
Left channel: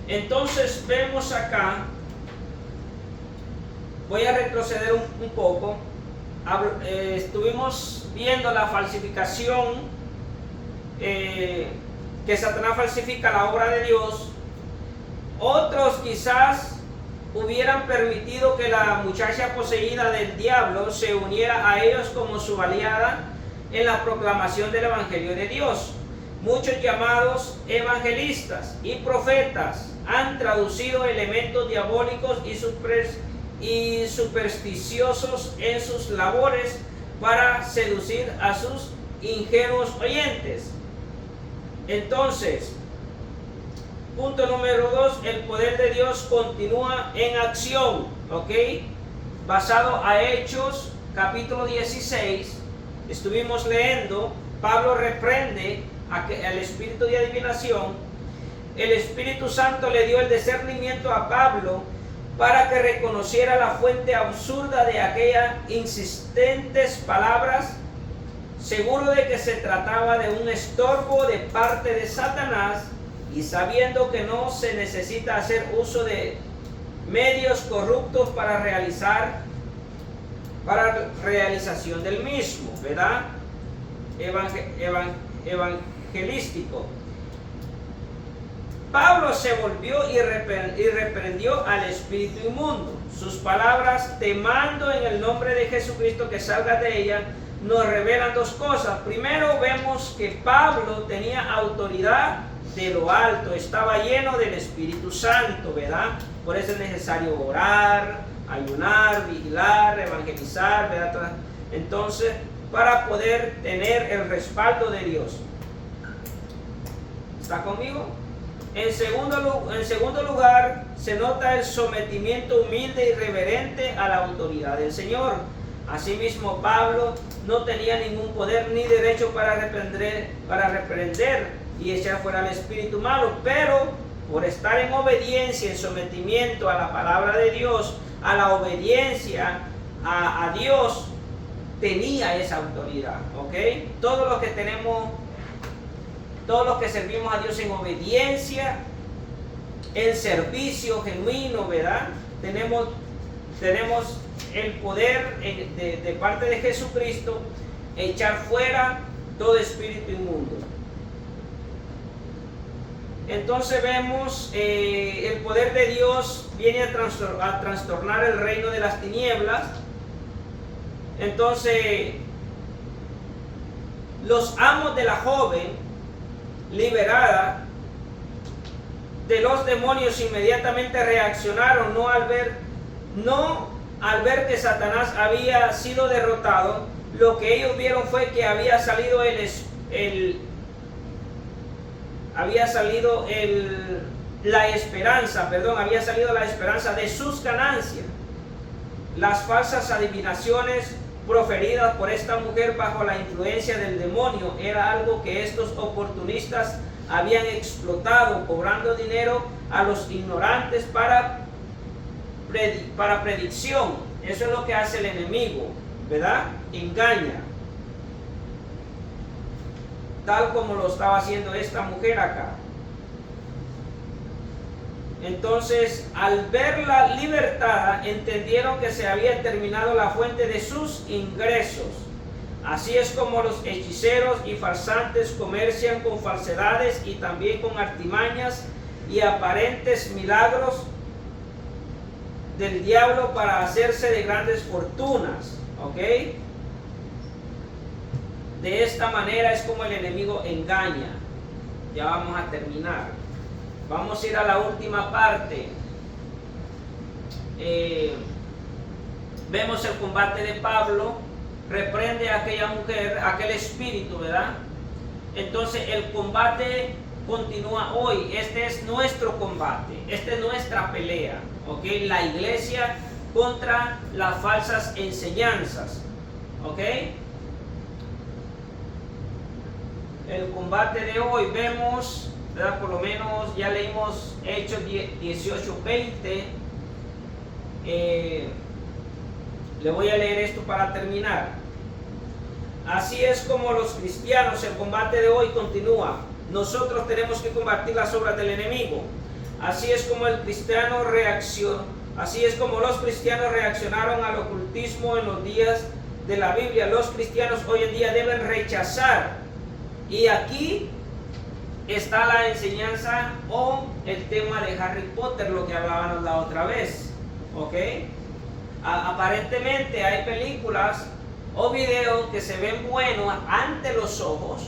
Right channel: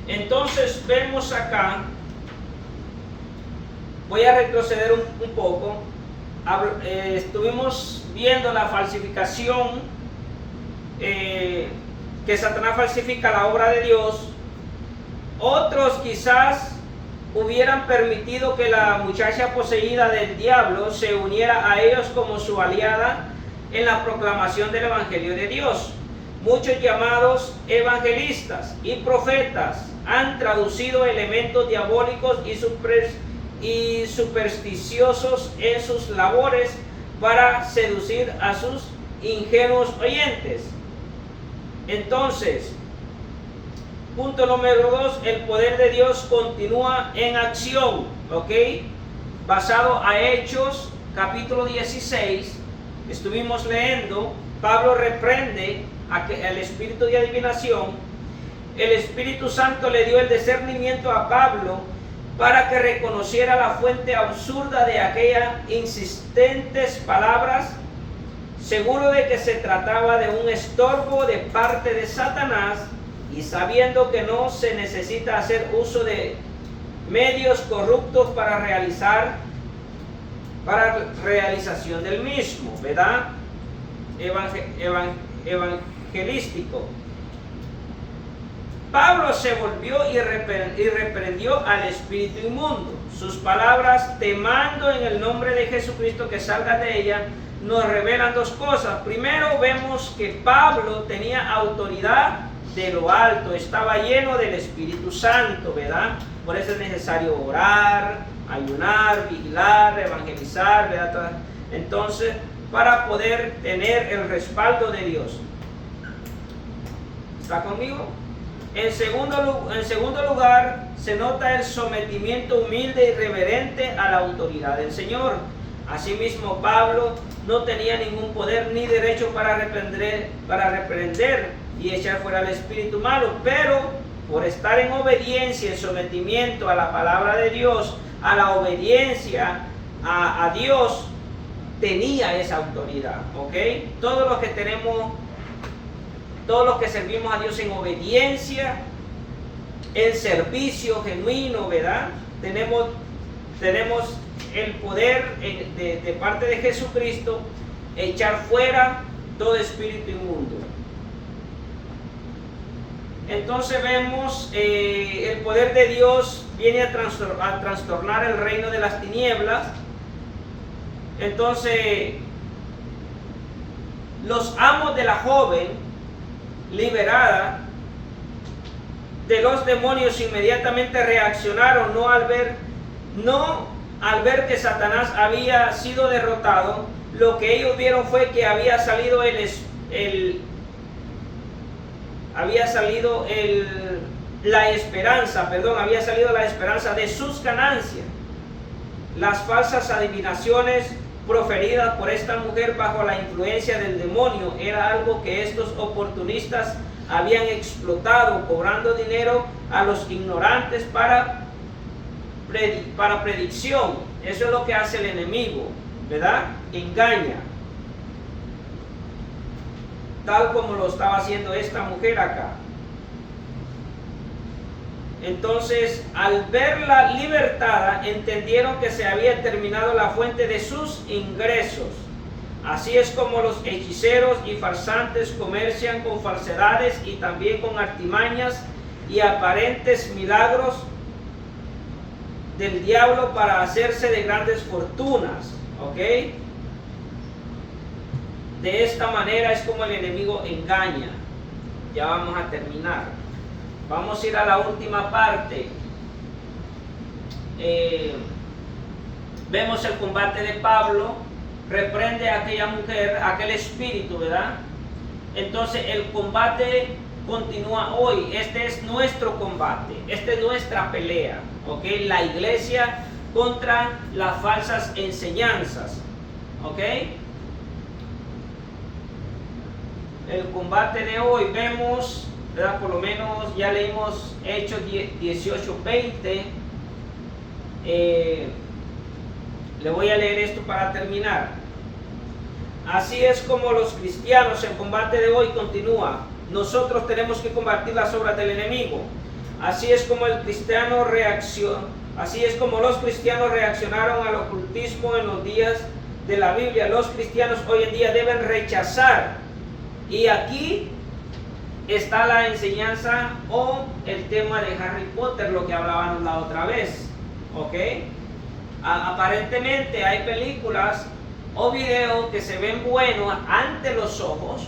Entonces vemos acá, voy a retroceder un poco. Estuvimos viendo la falsificación, que Satanás falsifica la obra de Dios. Otros quizás hubieran permitido que la muchacha poseída del diablo se uniera a ellos como su aliada en la proclamación del evangelio de Dios. Muchos llamados evangelistas y profetas han traducido elementos diabólicos y supersticiosos en sus labores para seducir a sus ingenuos oyentes. Entonces, punto número 2, el poder de Dios continúa en acción, ¿ok? Basado a Hechos, capítulo 16, estuvimos leyendo, Pablo reprende al espíritu de adivinación. El Espíritu Santo le dio el discernimiento a Pablo para que reconociera la fuente absurda de aquellas insistentes palabras, seguro de que se trataba de un estorbo de parte de Satanás, y sabiendo que no se necesita hacer uso de medios corruptos para realización del mismo, ¿verdad? Evangelístico. Pablo se volvió y reprendió al espíritu inmundo. Sus palabras, te mando en el nombre de Jesucristo que salgas de ella, nos revelan dos cosas. Primero, vemos que Pablo tenía autoridad de lo alto, estaba lleno del Espíritu Santo, ¿verdad? Por eso es necesario orar, ayunar, vigilar, evangelizar, ¿verdad? Entonces, para poder tener el respaldo de Dios. ¿Está conmigo? En segundo lugar, se nota el sometimiento humilde y reverente a la autoridad del Señor. Asimismo, Pablo no tenía ningún poder ni derecho para reprender y echar fuera al espíritu malo, pero por estar en obediencia, en sometimiento a la palabra de Dios, a la obediencia a Dios, tenía esa autoridad, ¿ok? Todos los que servimos a Dios en obediencia, en servicio genuino, ¿verdad? Tenemos el poder de parte de Jesucristo, echar fuera todo espíritu inmundo. Entonces vemos el poder de Dios viene a trastornar el reino de las tinieblas. Entonces, los amos de la joven liberada de los demonios inmediatamente reaccionaron, no al ver que Satanás había sido derrotado. Lo que ellos vieron fue que había salido la esperanza de sus ganancias. Las falsas adivinaciones proferidas por esta mujer bajo la influencia del demonio era algo que estos oportunistas habían explotado, cobrando dinero a los ignorantes para predicción. Eso es lo que hace el enemigo, ¿verdad? Engaña, tal como lo estaba haciendo esta mujer acá. Entonces, al verla libertada, entendieron que se había terminado la fuente de sus ingresos. Así es como los hechiceros y farsantes comercian con falsedades y también con artimañas y aparentes milagros del diablo para hacerse de grandes fortunas, ¿ok? De esta manera es como el enemigo engaña. Ya vamos a terminar. Vamos a ir a la última parte. Vemos el combate de Pablo. Reprende a aquella mujer, aquel espíritu, ¿verdad? Entonces el combate continúa hoy. Este es nuestro combate. Esta es nuestra pelea, ¿ok? La iglesia contra las falsas enseñanzas, ¿ok? El combate de hoy vemos, ¿verdad? Por lo menos ya leímos Hechos 18:20. Le voy a leer esto para terminar. Así es como los cristianos, el combate de hoy continúa. Nosotros tenemos que combatir las obras del enemigo. Así es como los cristianos reaccionaron al ocultismo en los días de la Biblia. Los cristianos hoy en día deben rechazar. Y aquí está la enseñanza o el tema de Harry Potter, lo que hablábamos la otra vez, ¿ok? Aparentemente hay películas o videos que se ven buenos ante los ojos,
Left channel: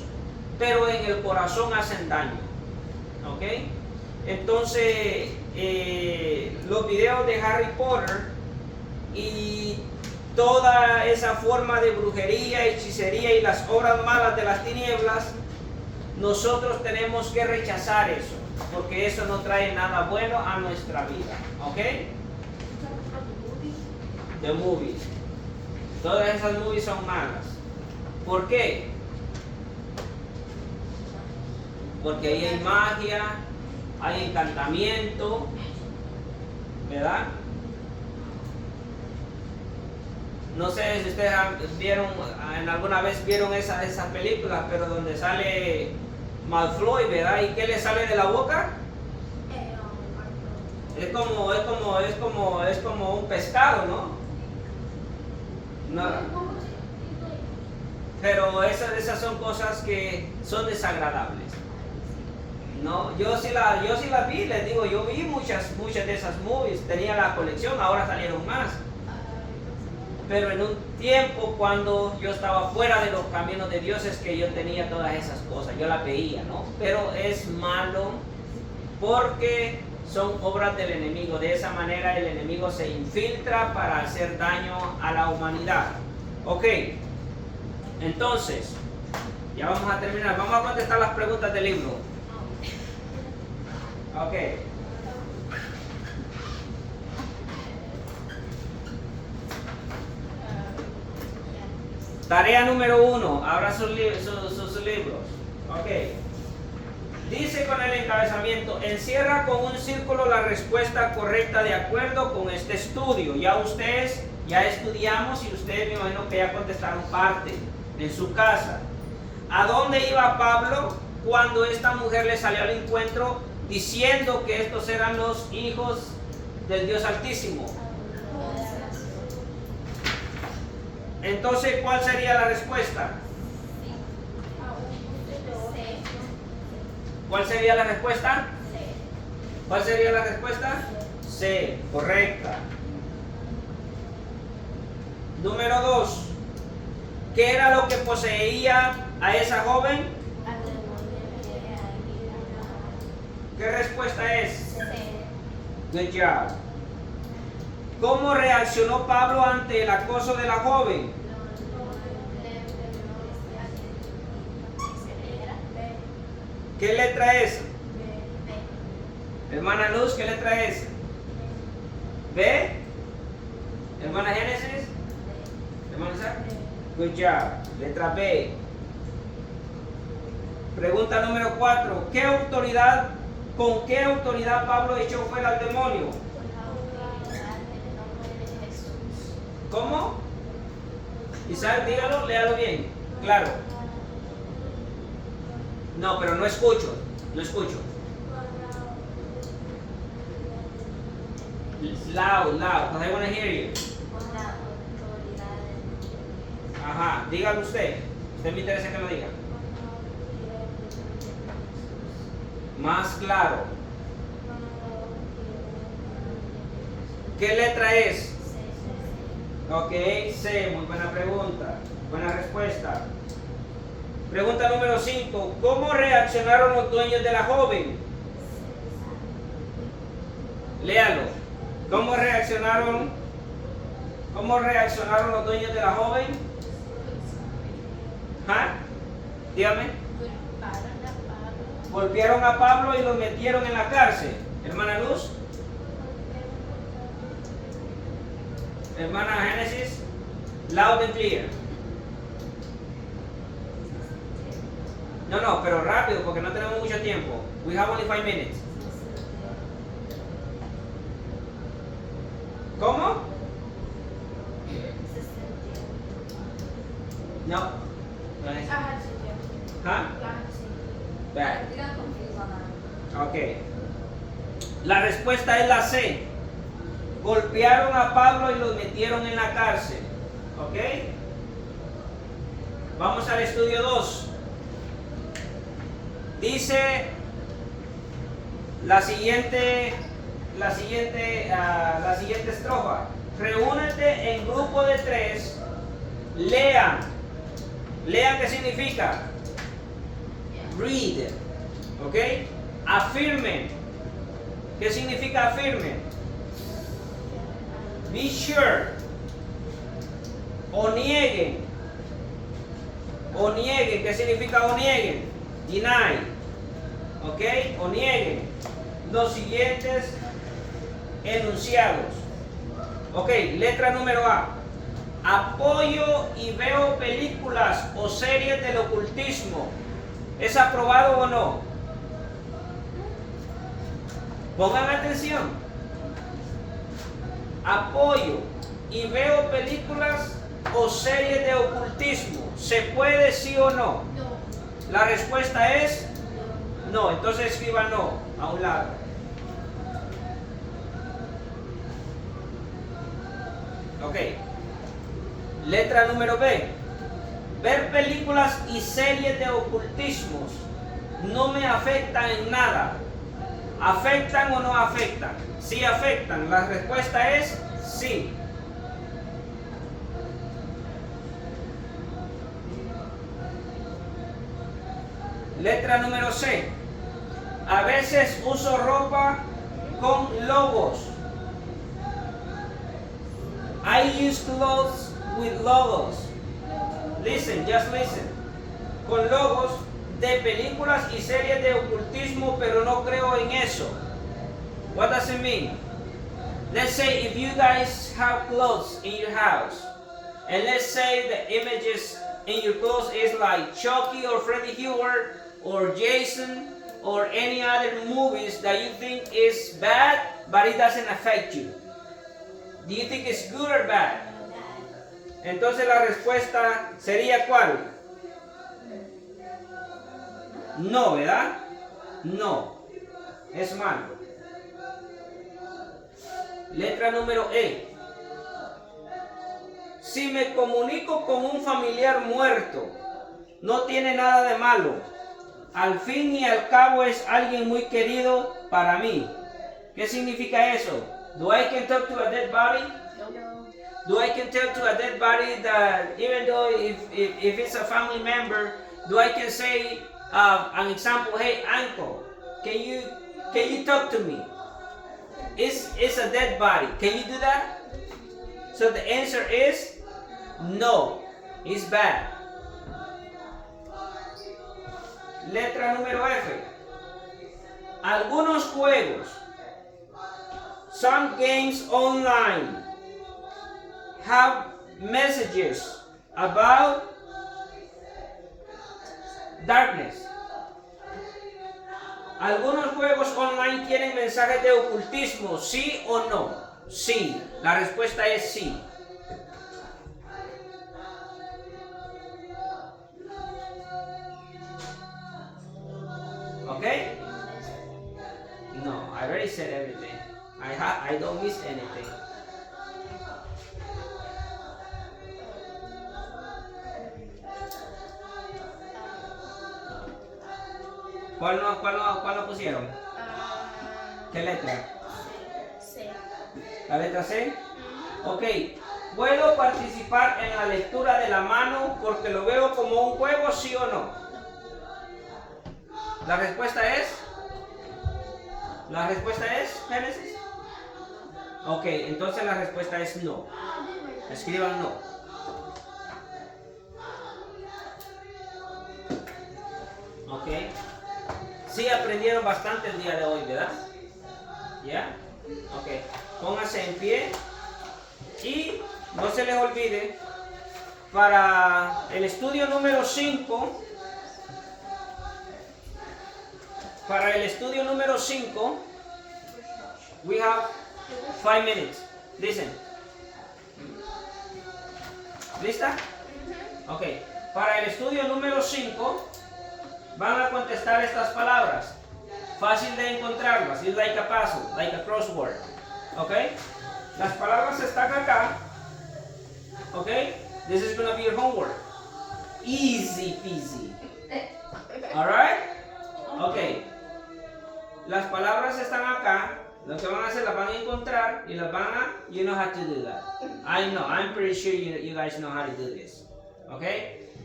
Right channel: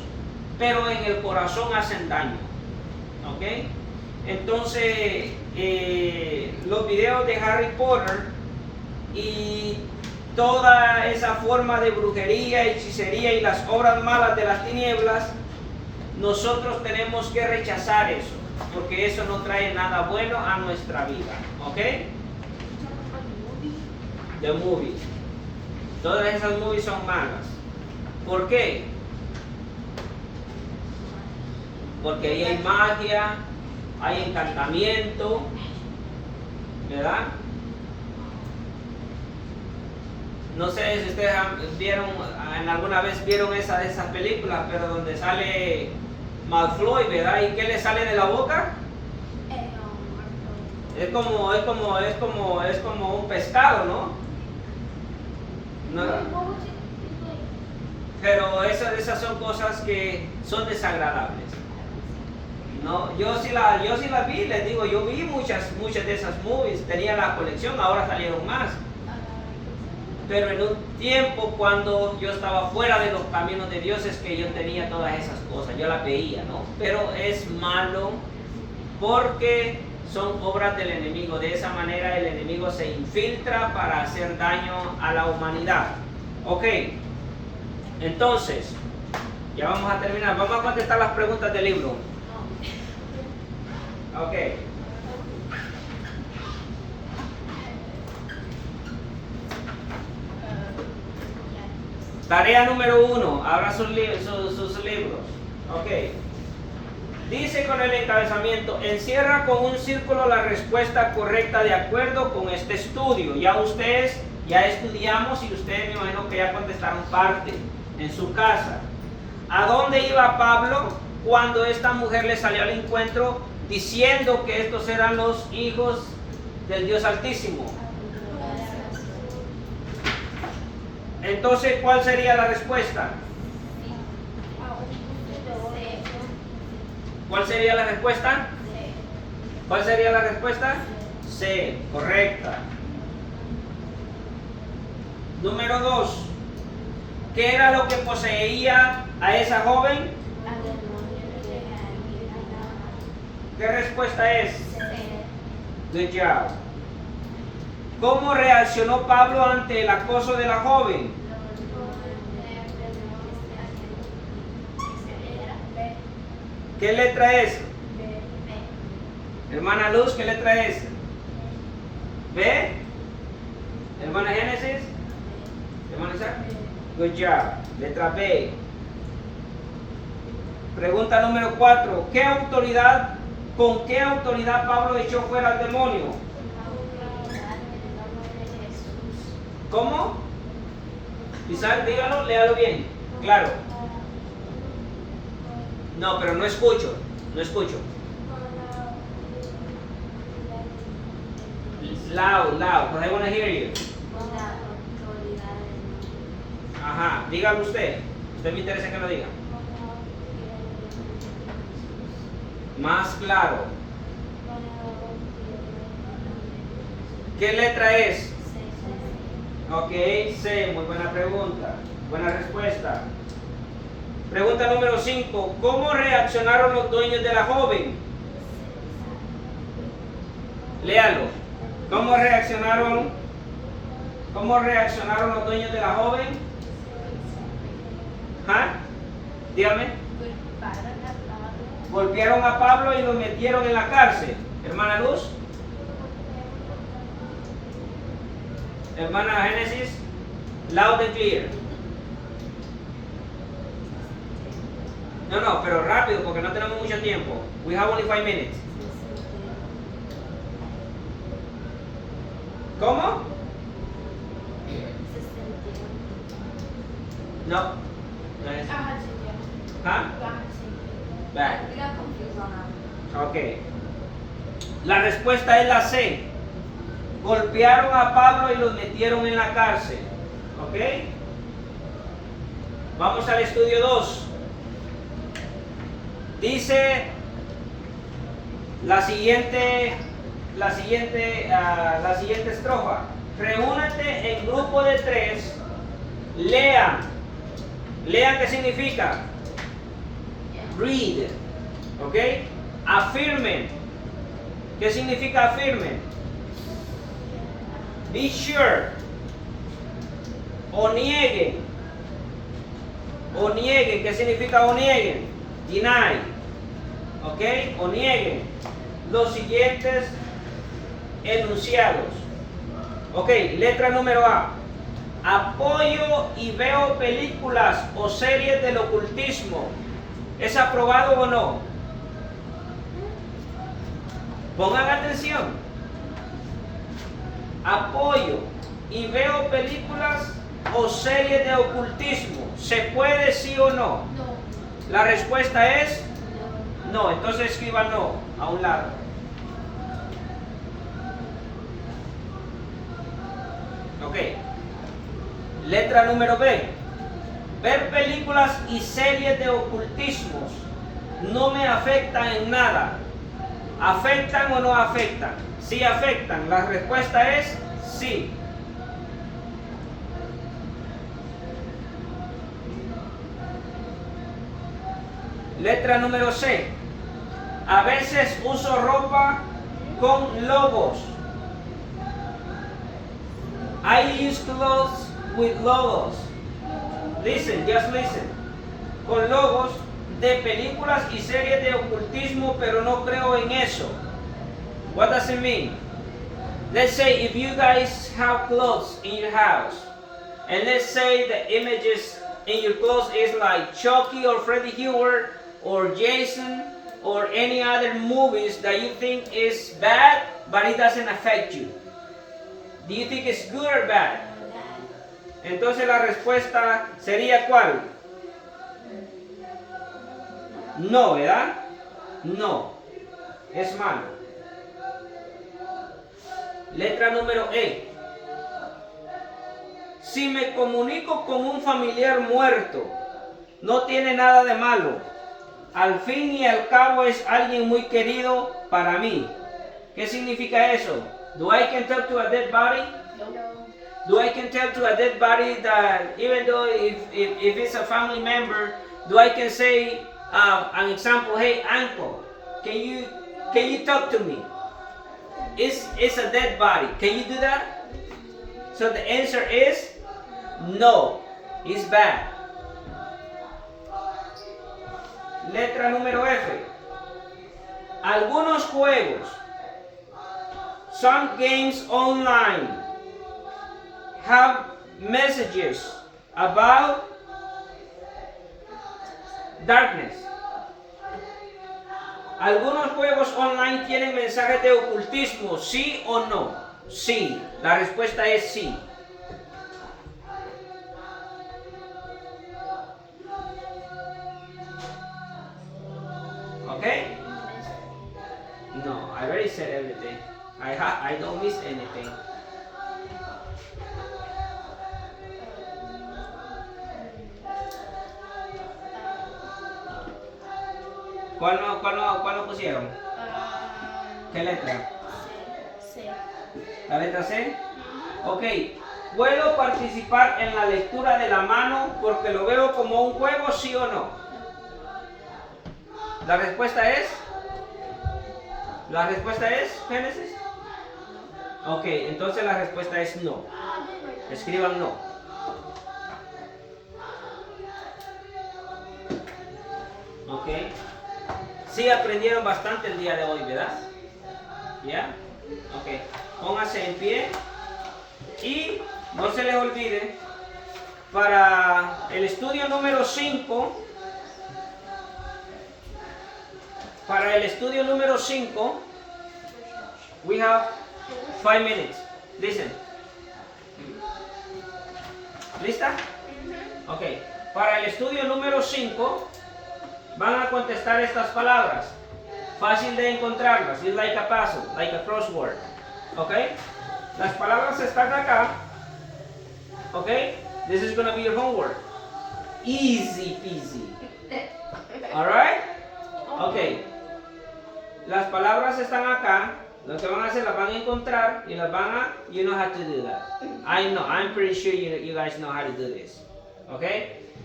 pero en el corazón hacen daño, ¿ok? Entonces, los videos de Harry Potter y toda esa forma de brujería, hechicería y las obras malas de las tinieblas, nosotros tenemos que rechazar eso, porque eso no trae nada bueno a nuestra vida. ¿Ok? The movies. Todas esas movies son malas. ¿Por qué? Porque ahí hay magia, hay encantamiento, ¿verdad? No sé si ustedes vieron, alguna vez vieron esas películas, pero donde sale Malfoy, ¿verdad? ¿Y qué le sale de la boca? Es como un pescado, ¿no? Pero esas son cosas que son desagradables. No, yo sí las vi, les digo, yo vi muchas de esas movies, tenía la colección, ahora salieron más. Pero en un tiempo cuando yo estaba fuera de los caminos de Dios es que yo tenía todas esas cosas, yo las veía, ¿no? Pero es malo porque son obras del enemigo. De esa manera el enemigo se infiltra para hacer daño a la humanidad. Ok, entonces, ya vamos a terminar. Vamos a contestar las preguntas del libro. Ok. Tarea número 1, abra sus libros. Ok. Dice con el encabezamiento, encierra con un círculo la respuesta correcta de acuerdo con este estudio. Ya ustedes, ya estudiamos y ustedes me imagino que ya contestaron parte en su casa. ¿A dónde iba Pablo cuando esta mujer le salió al encuentro diciendo que estos eran los hijos del Dios Altísimo? Entonces, ¿cuál sería la respuesta? ¿Cuál sería la respuesta? ¿Cuál sería la respuesta? C, correcta. Número 2. ¿Qué era lo que poseía a esa joven? ¿Qué respuesta es? Good job. ¿Cómo reaccionó Pablo ante el acoso de la joven? ¿Qué letra es? Hermana Luz, ¿qué letra es? ¿B? Hermana Génesis. Hermana Isaac. Good job. Letra B. Pregunta número 4. ¿Con qué autoridad Pablo echó fuera al demonio? ¿Cómo? Isaac, dígalo, léalo bien. Claro. No, pero no escucho. No escucho. Loud, because I want to hear you. Ajá, dígalo usted. Usted me interesa que lo diga. Más claro. ¿Qué letra es? Ok, C, muy buena pregunta. Buena respuesta. Pregunta número 5. ¿Cómo reaccionaron los dueños de la joven? Léalo. ¿Cómo reaccionaron los dueños de la joven? ¿Ah? Dígame. Golpearon a Pablo y lo metieron en la cárcel. Hermana Luz. Hermana Génesis. Loud and clear. No, pero rápido porque no tenemos mucho tiempo. We have only 5 minutes. ¿Cómo? No. ¿Ah? Back. Ok. La respuesta es la C. Golpearon a Pablo y los metieron en la cárcel. ¿Ok? Vamos al estudio 2. Dice la siguiente estrofa. Reúnete en grupo de 3. Lean. Lean, ¿qué significa? Read. ¿Ok? Afirmen. ¿Qué significa afirmen? Be sure. o nieguen. O nieguen. ¿Qué significa o nieguen? Deny. ¿Ok? O nieguen los siguientes enunciados. Ok, letra número A. Apoyo y veo películas o series del ocultismo. ¿Es aprobado o no? Pongan atención. Apoyo y veo películas o series de ocultismo. ¿Se puede sí o no? No. La respuesta es no. Entonces escriba no a un lado. Ok. Letra número B. Ver películas y series de ocultismos no me afectan en nada. ¿Afectan o no afectan? Sí afectan. La respuesta es sí. Letra número C. A veces uso ropa con logos. I use clothes with logos. Listen, just listen. Con logos de películas y series de ocultismo, pero no creo en eso. What does it mean? Let's say if you guys have clothes in your house, and let's say the images in your clothes is like Chucky or Freddy Krueger or Jason or any other movies that you think is bad, but it doesn't affect you. Do you think it's good or bad? Entonces la respuesta sería ¿cuál? No, ¿verdad? No. Es malo. Letra número E. Si me comunico con un familiar muerto, no tiene nada de malo. Al fin y al cabo es alguien muy querido para mí. ¿Qué significa eso? Do I can talk to a dead body? No. Do I can tell to a dead body that even though if it's a family member, do I can say an example, hey uncle, can you talk to me? It's a dead body. Can you do that? So the answer is no. It's bad. Letra número F. Algunos juegos, some games online, have messages about darkness. Algunos juegos online tienen mensajes de ocultismo, ¿sí o no? Sí. La respuesta es sí. Okay? No, I already said everything. I don't miss anything. ¿Cuál lo pusieron? ¿Qué letra? C. ¿La letra C? Ok. ¿Puedo participar en la lectura de la mano porque lo veo como un juego, sí o no? La respuesta es Génesis. Ok, entonces la respuesta es no. Escriban no. Ok. Sí aprendieron bastante el día de hoy, ¿verdad? ¿Ya? Ok. Pónganse en pie. Y no se les olvide, para el estudio número 5, we have 5 minutes. Listen. ¿Lista? Ok. Para el estudio número 5, van a contestar estas palabras. Fácil de encontrarlas. It's like a puzzle, like a crossword. Ok. Las palabras están acá. Ok. This is going to be your homework. Easy peasy. Alright? Ok. Las palabras están acá. Lo que van a hacer, las van a encontrar y las van a, you know how to do that. I'm pretty sure you guys know how to do this. Ok.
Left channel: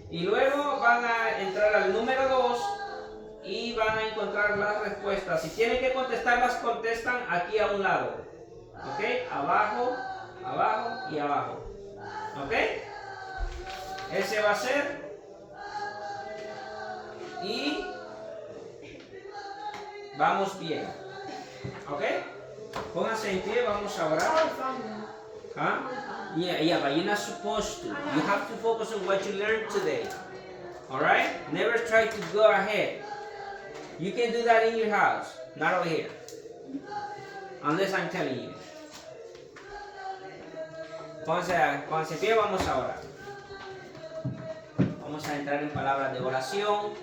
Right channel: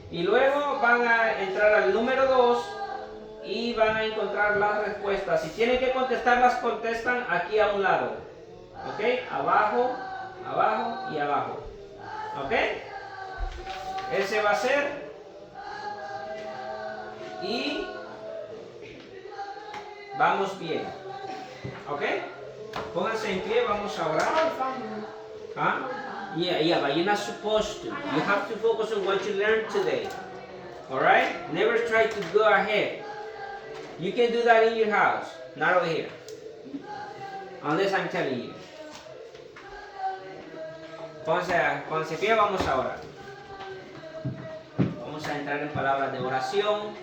Y luego van a entrar al número 2 y van a encontrar las respuestas. Si tienen que contestarlas, contestan aquí a un lado. Ok. Abajo, abajo y abajo. Ok. Ese va a ser. Y vamos bien. ¿Ok? Pónganse en pie, vamos a orar. Huh? Yeah, but you're not supposed to. You have to focus on what you learned today. Alright? Never try to go ahead. You can do that in your house, not over here. Unless I'm telling you. Pónganse en pie, vamos a orar. Vamos a entrar en palabras de oración.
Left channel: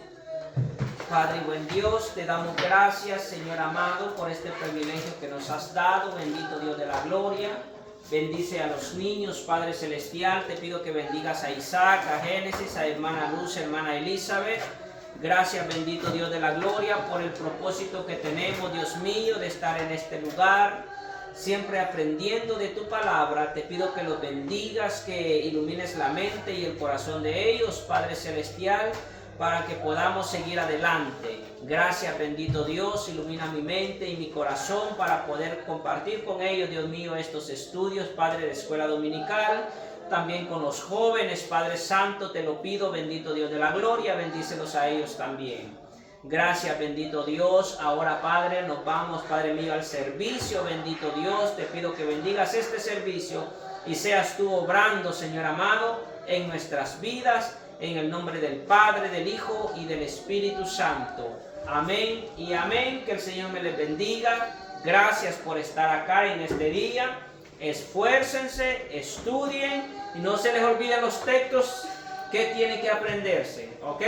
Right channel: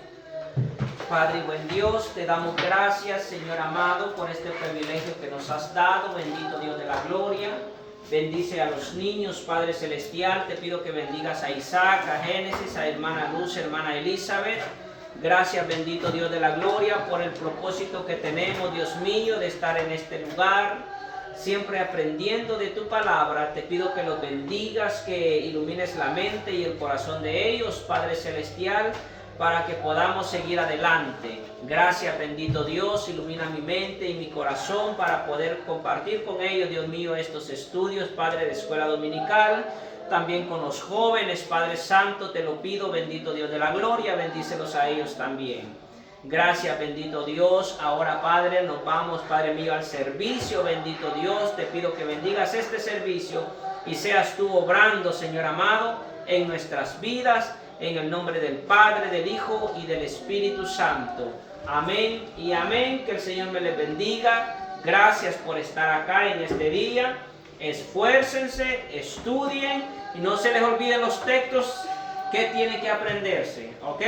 Padre buen Dios, te damos gracias, Señor amado, por este privilegio que nos has dado. Bendito Dios de la gloria. Bendice a los niños, Padre Celestial. Te pido que bendigas a Isaac, a Génesis, a hermana Luz, hermana Elizabeth. Gracias, bendito Dios de la gloria, por el propósito que tenemos, Dios mío, de estar en este lugar, siempre aprendiendo de tu palabra. Te pido que los bendigas, que ilumines la mente y el corazón de ellos, Padre Celestial, para que podamos seguir adelante. Gracias, bendito Dios, ilumina mi mente y mi corazón para poder compartir con ellos, Dios mío, estos estudios, Padre, de escuela dominical. También con los jóvenes, Padre Santo, te lo pido, bendito Dios de la gloria, bendícelos a ellos también. Gracias, bendito Dios. Ahora, Padre, nos vamos, Padre mío, al servicio, bendito Dios. Te pido que bendigas este servicio y seas tú obrando, Señor amado, en nuestras vidas, en el nombre del Padre, del Hijo y del Espíritu Santo. Amén y amén. Que el Señor me les bendiga. Gracias por estar acá en este día. Esfuércense, estudien y no se les olviden los textos que tienen que aprenderse. ¿Ok?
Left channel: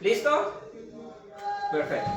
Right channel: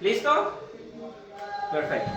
¿Listo? Perfecto.